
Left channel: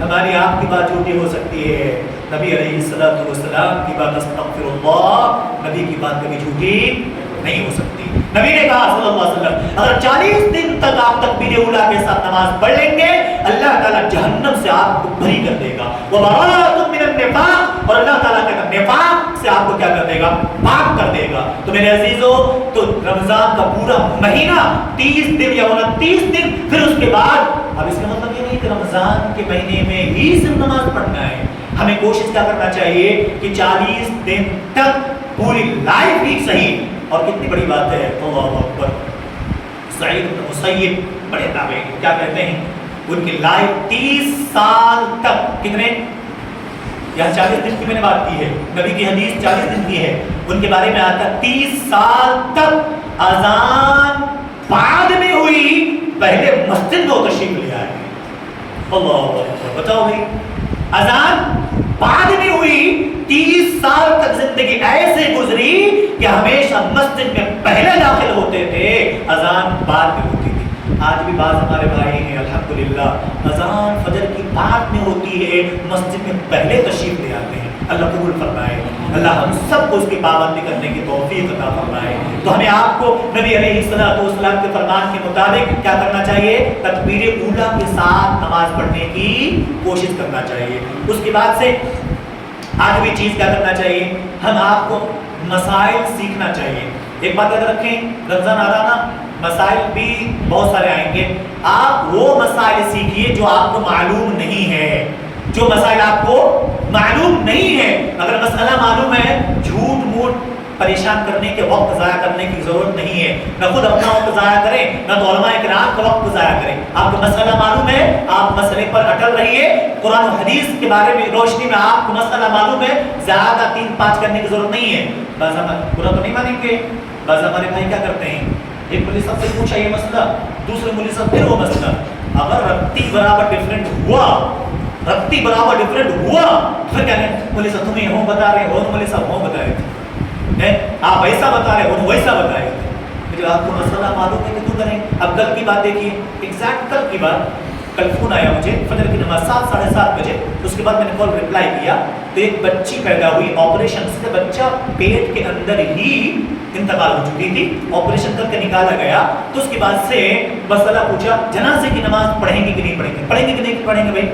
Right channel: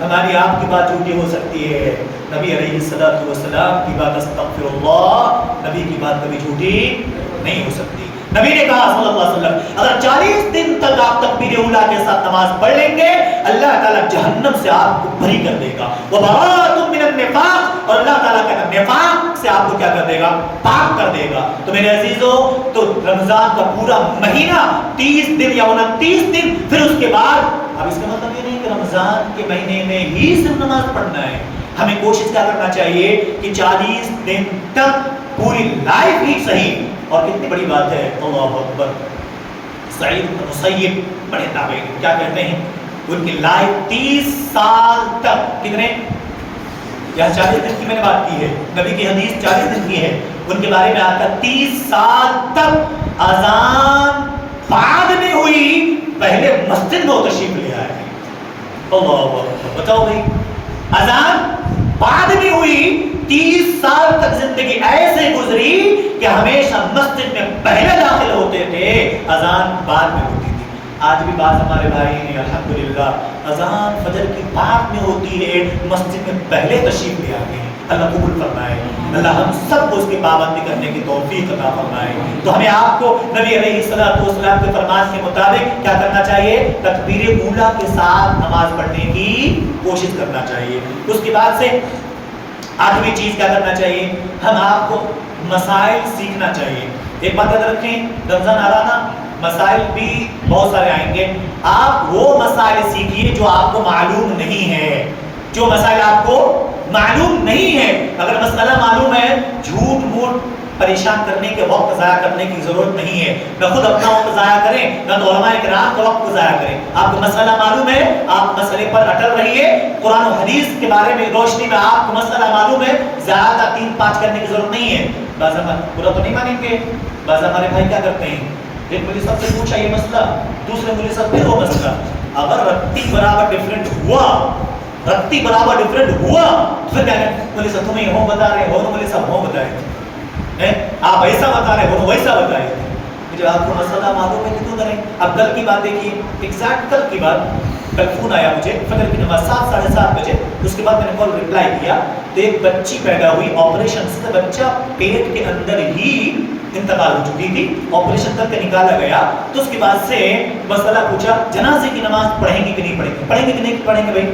ہماری آپ کی بات جھوٹی ہو سکتی ہے، نبی علیہ السلام کی بات استغفر اللہ، نبی کی بات کبھی جھوٹی نہیں ہو سکتی۔ نبی نے کہا صلی اللہ علیہ وسلم اگر 40 دن تک آپ تکبیر اولا کے ساتھ نماز پڑھ لیں گے، اللہ تعالیٰ جہنم سے آپ کو بری کر دے گا، وبراءۃ من النفاق، اور اللہ تعالیٰ کا نفاق سے آپ کو کیا کر دے گا؟ پاک کر دے گا۔ تو میرے عزیزو، تو رمضان کا پورا مہینہ 30 دن یا 29 دن، پھر اس کے بعد، اب اس کا مطلب یہ نہیں کہ رمضان کے مہینے میں ہی صرف نماز پڑھنا ہے، ہمیں کوشش کیا کرنا چاہیے کہ 40 دن تک پوری لائف ہی صحیح۔ اور کتنی بڑی بات ہے، اللہ اکبر، سعید بن مسیب بڑے تابعین، کیا کہتے ہیں؟ ان کی لائف 30 سال تک، کتنے؟ یہاں 40 دن کی میں نے بات کی ہے، نبی کی حدیث 40 دن کی ہے، ان کے بارے میں آتا 30 سال تک اذان بعد میں ہوئی، پہلے مسجد میں تشریف لے آئے۔ اللہ اکبر، بتاؤ بھائی، اذان بعد میں ہوئی، 30 سال تک زندگی ایسے گزری کہ ہمیشہ مسجد میں پہلے داخل ہوتے تھے، اذان بعد میں ہوتی تھی۔ آج بھی بعض ہمارے بھائی ہیں الحمدللہ، اذان فجر کی بعد میں ہوتی ہے، مسجد میں پہلے تشریف لے آتے ہیں۔ اللہ قبول فرمائے، اللہ ہم سب کو اس کی پابندی کرنے کی توفیق عطا فرمائے۔ تو ہمیں آپ کو نبی علیہ السلام کے فرمان کے مطابق کیا کرنا چاہیے؟ تکبیر اولا کے ساتھ نماز پڑھنے کی کوشش کرنا چاہیے۔ اس کے بعد سے آٹھویں چیز کیا کرنا چاہیے؟ ہم آپ کو مسائل سیکھنا چاہیے۔ ایک بات یاد رکھیں، رمضان آ رہا نا، مسائل بھی بہت سارے آئیں گے، آپ وہ مسائل سیکھیے جو آپ کو معلوم نہیں ہے، جو مسائل آپ کو معلوم نہیں ہے۔ اگر مسئلہ معلوم ہے، جھوٹ موٹ پریشان کرنے کے وقت ضائع کرنے کی ضرورت نہیں ہے، نہ خود اپنا وقت ضائع کریں، نہ تو علماء کرام کا وقت ضائع کریں۔ آپ کو مسئلہ معلوم ہے، آپ مسئلے پر اٹل رہیے، قرآن و حدیث کے بارے میں روشنی میں آپ کو مسئلہ معلوم ہے، زیادہ 3-5 کرنے کی ضرورت نہیں ہے۔ بعض برا تو نہیں مانیں گے، بعض ہمارے بھائی کیا کرتے ہیں، ایک مولوی صاحب سے پوچھا یہ مسئلہ، دوسرے مولوی صاحب پھر وہ مسئلہ، اگر رتی برابر ڈفرینٹ ہوا، رتی برابر ڈفرینٹ ہوا، پھر کیا کہیں مولوی صاحب تمہیں ہوں بتا رہے ہو، مولوی صاحب ہوں بتائے تھے، آپ ایسا بتا رہے ہو ویسا بتائے تھے۔ جو آپ کو مسئلہ معلوم ہے کہ کیوں کریں؟ اب کل کی بات دیکھیے، ایگزیکٹ کل کی بات، کل فون آیا مجھے فجر کی نماز 7-7:30 بجے، اس کے بعد میں نے کال ریپلائی کیا تو ایک بچی پیدا ہوئی، آپریشن سے بچہ پیٹ کے اندر ہی انتقال ہو چکی تھی، آپریشن کر کے نکالا گیا، تو اس کے بعد سے مسئلہ پوچھا جنازے کی نماز پڑھیں گے کہ نہیں پڑھیں گے؟ پڑھیں گے کہ نہیں پڑھیں گے بھائی؟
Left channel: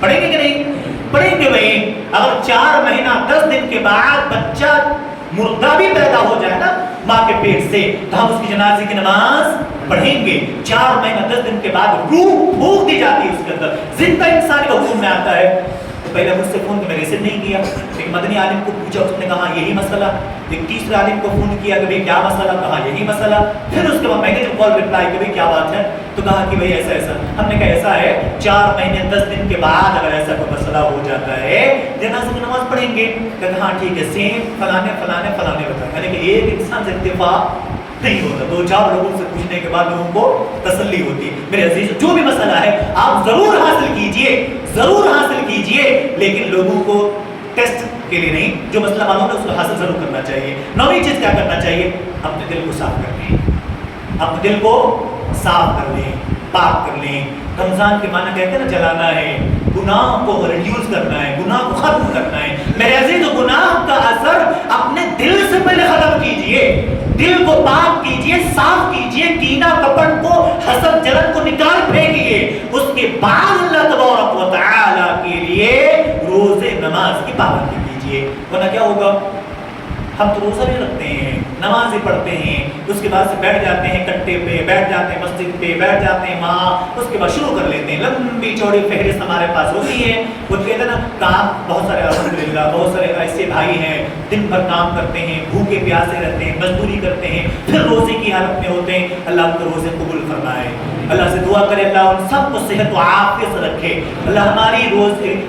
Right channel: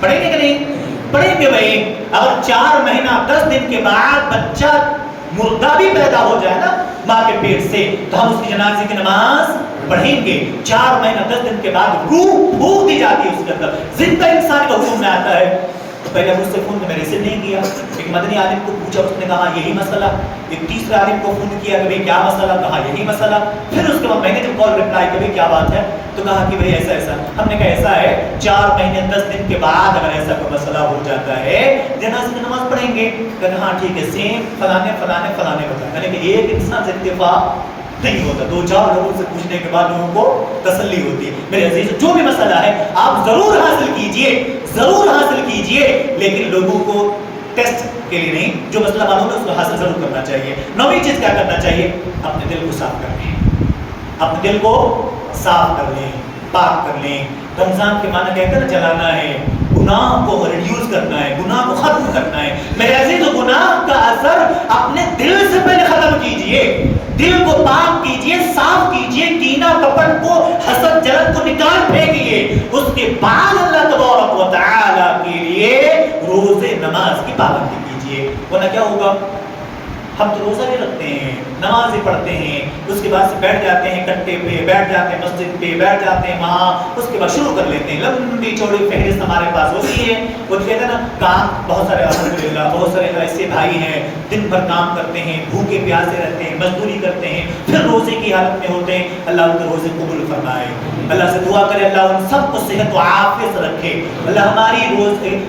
پڑھیں گے کہ نہیں پڑھیں گے بھائی؟ اگر 4 مہینہ 10 دن کے بعد بچہ مردہ بھی پیدا ہو جائے نا ماں کے پیٹ سے، تو ہم اس کی جنازے کی نماز پڑھیں گے۔ 4 مہینہ 10 دن کے بعد روح پھونک دی جاتی ہے اس کے اندر، زندہ انسان کا حکم میں آتا ہے۔ تو پہلے مجھ سے فون میں نے ریسیو نہیں کیا، ایک مدنی عالم کو پوچھا، اس نے کہا یہی مسئلہ، ایک تیسرے عالم کو فون کیا کہ بھئی کیا مسئلہ، کہا یہی مسئلہ، پھر اس کے بعد میں نے جب کال ریپلائی کہ بھئی کیا بات ہے، تو کہا کہ بھئی ایسا ایسا، ہم نے کہا ایسا ہے 4 مہینے 10 دن کے بعد اگر ایسا کوئی مسئلہ ہو جاتا ہے جنازے کی نماز پڑھیں گے؟ کہا ہاں ٹھیک ہے، سیم فلانے فلانے فلانے بتائیں، یعنی کہ ایک انسان سے اتفاق نہیں ہوتا، 2-4 لوگوں سے پوچھنے کے بعد لوگوں کو تسلی ہوتی ہے۔ میرے عزیز، جو بھی مسئلہ ہے آپ ضرور حاصل کیجئے، ضرور حاصل کیجئے، لیکن لوگوں کو ٹیسٹ کے لیے نہیں، جو مسئلہ معلوم ہے اس کو حاصل ضرور کرنا چاہیے۔ 9ویں چیز کیا کرنا چاہیے؟ اپنے دل کو صاف کر لیں، اپنے دل کو صاف کر لیں، پاک کر لیں، رمضان کے معنی کہتے ہیں نا جلانا ہے، گناہ کو ریڈیوس کرنا ہے، گناہ کو ختم کرنا ہے۔ میرے عزیز گناہ کا اثر اپنے دل سے پہلے ختم کیجئے، دل کو پاک کیجئے، صاف کیجئے، کینہ کپٹ کو، حسد جلن کو نکال پھینکیے، اس کے بعد اللہ تبارک و تعالی کے لیے روزے نماز کی پابندی کیجئے۔ ورنہ کیا ہوگا؟ ہم تو روزہ بھی رکھتے ہیں، نمازیں پڑھتے ہیں، اس کے بعد سے بیٹھ جاتے ہیں کٹے پہ، بیٹھ جاتے ہیں مسجد پہ، بیٹھ جاتے ہیں وہاں، اس کے بعد شروع کر لیتے ہیں، لمبی چوڑی فہرست ہمارے پاس ہوتی ہے۔ وہ کہتے ہیں نا کام بہت سارے الحمدللہ بہت سارے ایسے بھائی ہیں دن بھر کام کرتے ہیں، بھوکے پیاسے رہتے ہیں، مزدوری کرتے ہیں، پھر روزے کی حالت میں ہوتے ہیں۔ اللہ ان کے روزے قبول فرمائے، اللہ سے دعا کرے اللہ ان سب کو صحت و عافیت رکھے، اللہ ہماری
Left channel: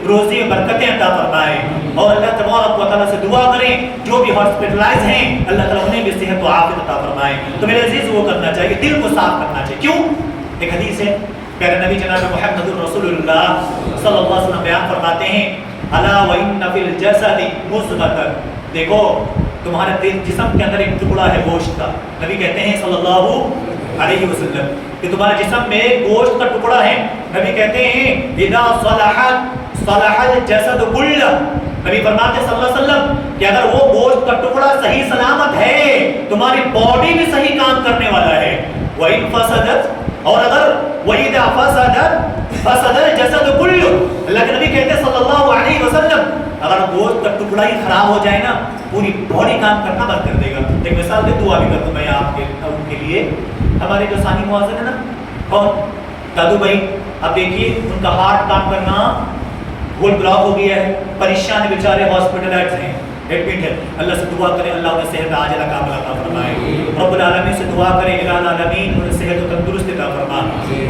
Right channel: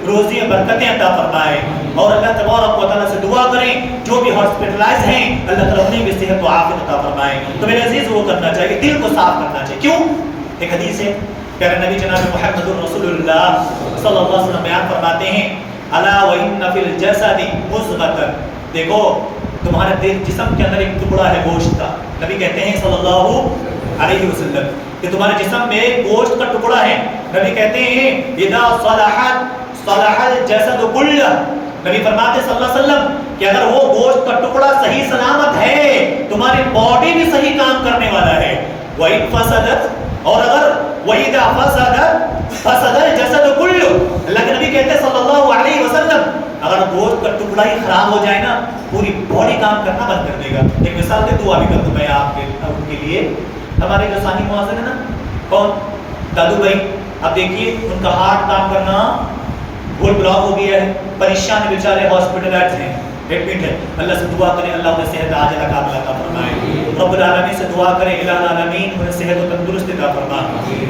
روزی میں برکتیں عطا فرمائے، اور اللہ تبارک و تعالیٰ سے دعا کریں جو بھی ہاسپٹلائز ہیں اللہ تعالیٰ انہیں بھی صحت و عافیت عطا فرمائے۔ تو میرے عزیز وہ کرنا چاہیے، دل کو صاف کرنا چاہیے۔ کیوں؟ ایک حدیث ہے پیارے نبی جناب محمد الرسول اللہ صلی اللہ علیہ وسلم بیان فرماتے ہیں الا وان فی الجسد مضغۃ، دیکھو تمہارے دل جسم کے اندر ایک ٹکڑا ہے گوشت کا، نبی کہتے ہیں صلی اللہ علیہ وسلم کہ تمہارے جسم میں گوشت کا ٹکڑا ہے، نبی کہتے ہیں اذا صلحت صلح الجسد کلہ، نبی فرماتے صلی اللہ علیہ وسلم کہ اگر وہ گوشت کا ٹکڑا صحیح سلامت ہے تمہاری باڈی بھی صحیح کام کرنے والا ہے، وَإِن فَسَدَتْ، اور اگر وَإِذَا فَسَدَتْ فَسَدَ الْجَسَدُ كُلُّهُ، اللہ کے نبی کہتے ہیں صلی اللہ علیہ وسلم اگر گوشت کا ٹکڑا ہی خراب ہو جائے نا پوری باڈی کام کرنا بند کر دے گا۔ ایک مثال دے دعا بھی کر دوں میں آپ کے ان کے لیے، ہمارے جو ثانی مؤذن ہے نا کون دادو بھائی، اب دیکھیے ان کا ہارٹ کام کرنا گول بلاک ہو گیا ہے، پریشان ہے بیچارے، ہاسپٹلائز ہیں، ایڈمٹ ہے، اللہ سے دعا کریں اللہ انہیں صحت عاجلہ کاملہ عطا فرمائے، رب العالمین سے دعا کریں الہ العالمین انہیں صحت و تندرستی عطا فرما۔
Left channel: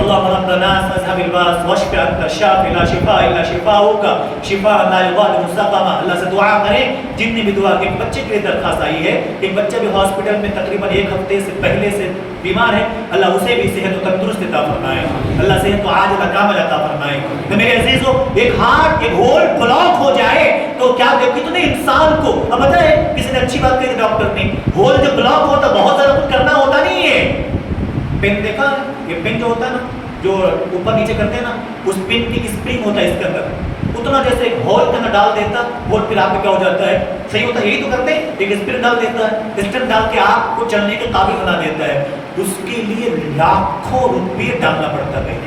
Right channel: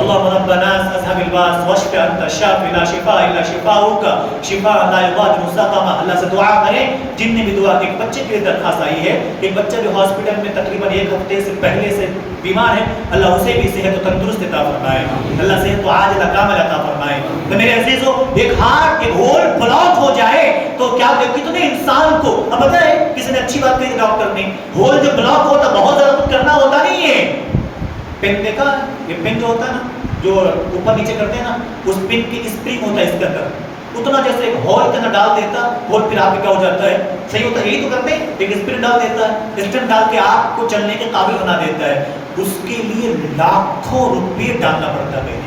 اللهم رب الناس اذهب الباس واشف انت الشافي لا شفاء الا شفاؤك شفاء لا يغادر سقما، اللہ سے دعا کریں جن نے بھی دعا کی۔ ایک بچے کے لیے درخواست آئی ہے، ایک بچہ بھی ہاسپٹل میں تقریباً ایک ہفتے سے پہلے سے بیمار ہے، اللہ اسے بھی صحت و تندرست عطا فرمائے، اللہ صحت و عاجلہ کاملہ عطا فرمائے۔ تو میرے عزیزو ایک ہارٹ ایک ہول بلاک ہو جائے تو کیا کتنے انسان کو، اب پتہ ہے کسی نے اچھی بات کہی تھی ڈاکٹر نے، ہول جو بلاک ہوتا بہت زیادہ کچھ کرنا ہوتا نہیں ہے، پن دیکھا یہ پن جو ہوتا ہے نا جو اوپر نیچے کرتے ہیں نا اس پن کی اسپرنگ ہوتا ہے اس کے اندر، اتنا جیسے ایک ہول کے اندر ڈال دیتا ہول پھر آپ کیا ہو جاتا ہے صحیح ہوتا ہے، یہی تو کرتے ہیں، ایک اسپرنگ ڈال دیتا ہے، اسپرنگ ڈال کے آپ کو چلنے کے قابل بنا دیتا ہے، اس کے لیے لاکھوں روپے ڈالنا پڑتا ہے،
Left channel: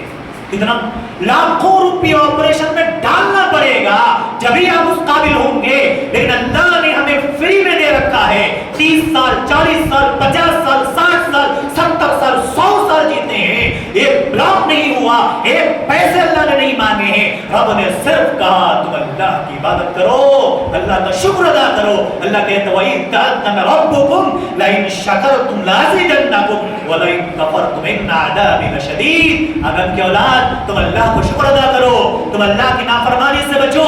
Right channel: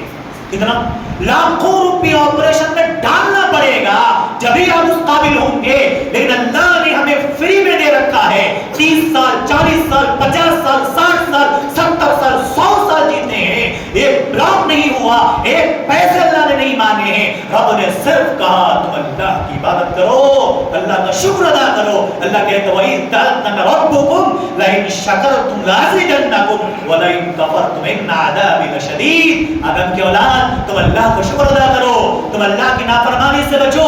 کتنا لاکھوں روپے آپریشن میں ڈالنا پڑے گا جبھی ہم اس قابل ہوں گے، لیکن اللہ نے ہمیں فری میں دے رکھا ہے، 30 سال 40 سال 50 سال 60 سال 70 سال 100 سال جیتے ہیں، ایک بلاک نہیں ہوا، ایک پیسے اللہ نے نہیں مانگے ہیں، رب نے صرف کہا تم اللہ کی عبادت کرو، اللہ کا شکر ادا کرو، اللہ کہتا ہے وَإِذْ تَأْذَنَ رَبُّكُمْ لَئِنْ شَكَرْتُمْ لَأَزِيدَنَّكُمْ وَلَئِنْ كَفَرْتُمْ إِنَّ عَذَابِي لَشَدِيدٌ، آدم کی اولاد تم اللہ کو شکر ادا کرو، تم اللہ کی نافرمانی سے بچو،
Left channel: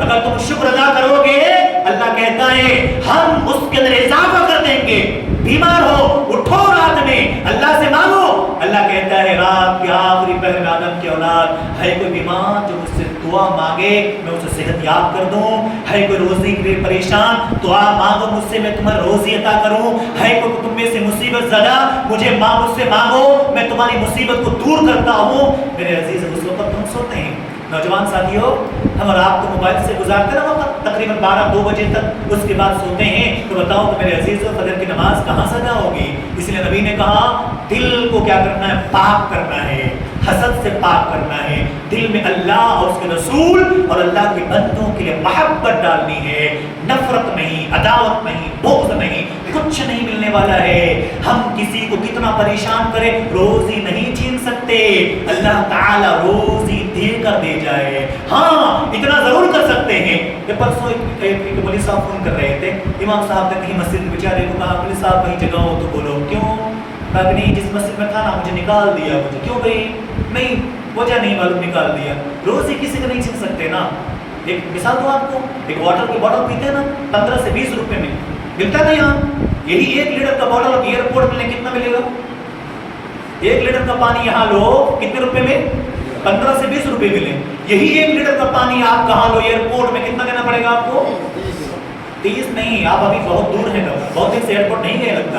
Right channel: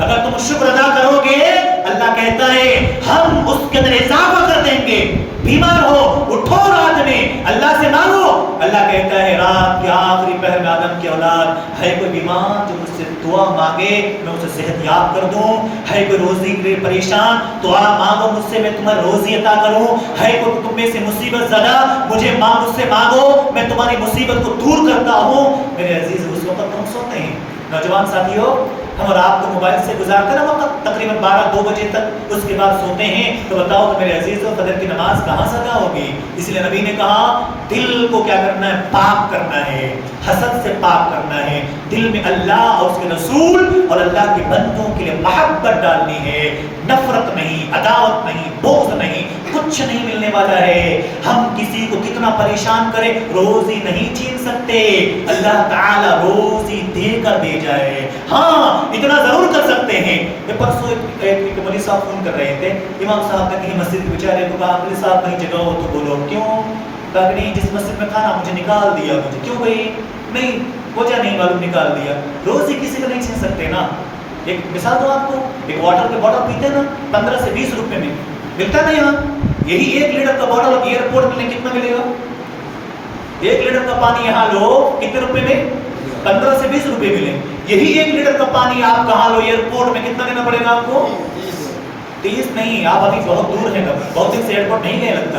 اگر تم شکر ادا کرو گے اللہ کہتا ہے ہم اس کے اندر اضافہ کر دیں گے، بیمار ہو اٹھو رات میں اللہ سے مانگو، اللہ کہتا ہے رات کے آخری پہر میں آدم کی اولاد ہے کوئی بیمار جو مجھ سے دعا مانگے میں اسے صحت یاب کر دوں، ہے کوئی روزی کے لیے پریشان دعا مانگو مجھ سے میں تمہیں روزی عطا کروں، ہے کوئی تم میں سے مصیبت زدہ مجھ سے مانگو میں تمہاری مصیبت کو دور کرتا ہوں۔ میرے عزیز اس وقت ہم سوتے ہیں، نوجوان ساتھیوں ہم رات کو موبائل سے گزارتے نا وقت تقریباً 12-2 بجے تک، اس کے بعد سوتے ہیں، تو بتاؤ تو میرے عزیزوں فجر کی نماز کہاں سے ادا ہوگی؟ اس لیے نبی نے کہا دل کو کیا کرنا ہے؟ پاک کرنا ہے، حسد سے پاک کرنا ہے، دل میں اللہ اور اس کے رسول اور اللہ کے بندوں کے لیے محبت ڈالنی ہے، نفرت نہیں، عداوت نہیں، بغض نہیں، کچھ نہیں ملنے والا ہے۔ ہم کسی کو کتنا پریشان کریں روزی نہیں چھین سکتے، اللہ تعالی روزی دے کر دے جائے، ہاں اتنا ضرور کر سکتے ہیں۔ یہ پرسوں ایک مولوی صاحب فون کر رہے تھے، امام صاحب نے کہیں مسجد میں بیچارے کو کہا مولوی صاحب کہیں جگہ ہو تو بولو، کیوں؟ کہا کہ نہیں جس مسجد میں تھا نا مجھے نکال دیا، مجھے کیوں بھائی؟ نہیں وجہ نہیں معلوم نکال دیا، روزی کسی کا نہیں چھین سکتے نا۔ ایک مثال دو آپ کو، ایک واٹر کی بوتل پیتے ہیں نا 15 سے 20 روپے میں ملتا ہے نا یہاں، یہی 1 لیٹر کا بوتل ایئرپورٹ میں کتنا ملے گا؟ 1 لیٹر کا پانی یہاں لو کتنے روپے میں؟ 15 سے 20 روپے ملے، یہی 1 لیٹر کا پانی آپ کہاں لو ایئرپورٹ میں کتنا دینا پڑے گا آپ کو؟ 30 نہیں، آپ ابھی بہت دور ہیں، بہت دن سے ایئرپورٹ نہیں گئے لگتا،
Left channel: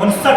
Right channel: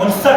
59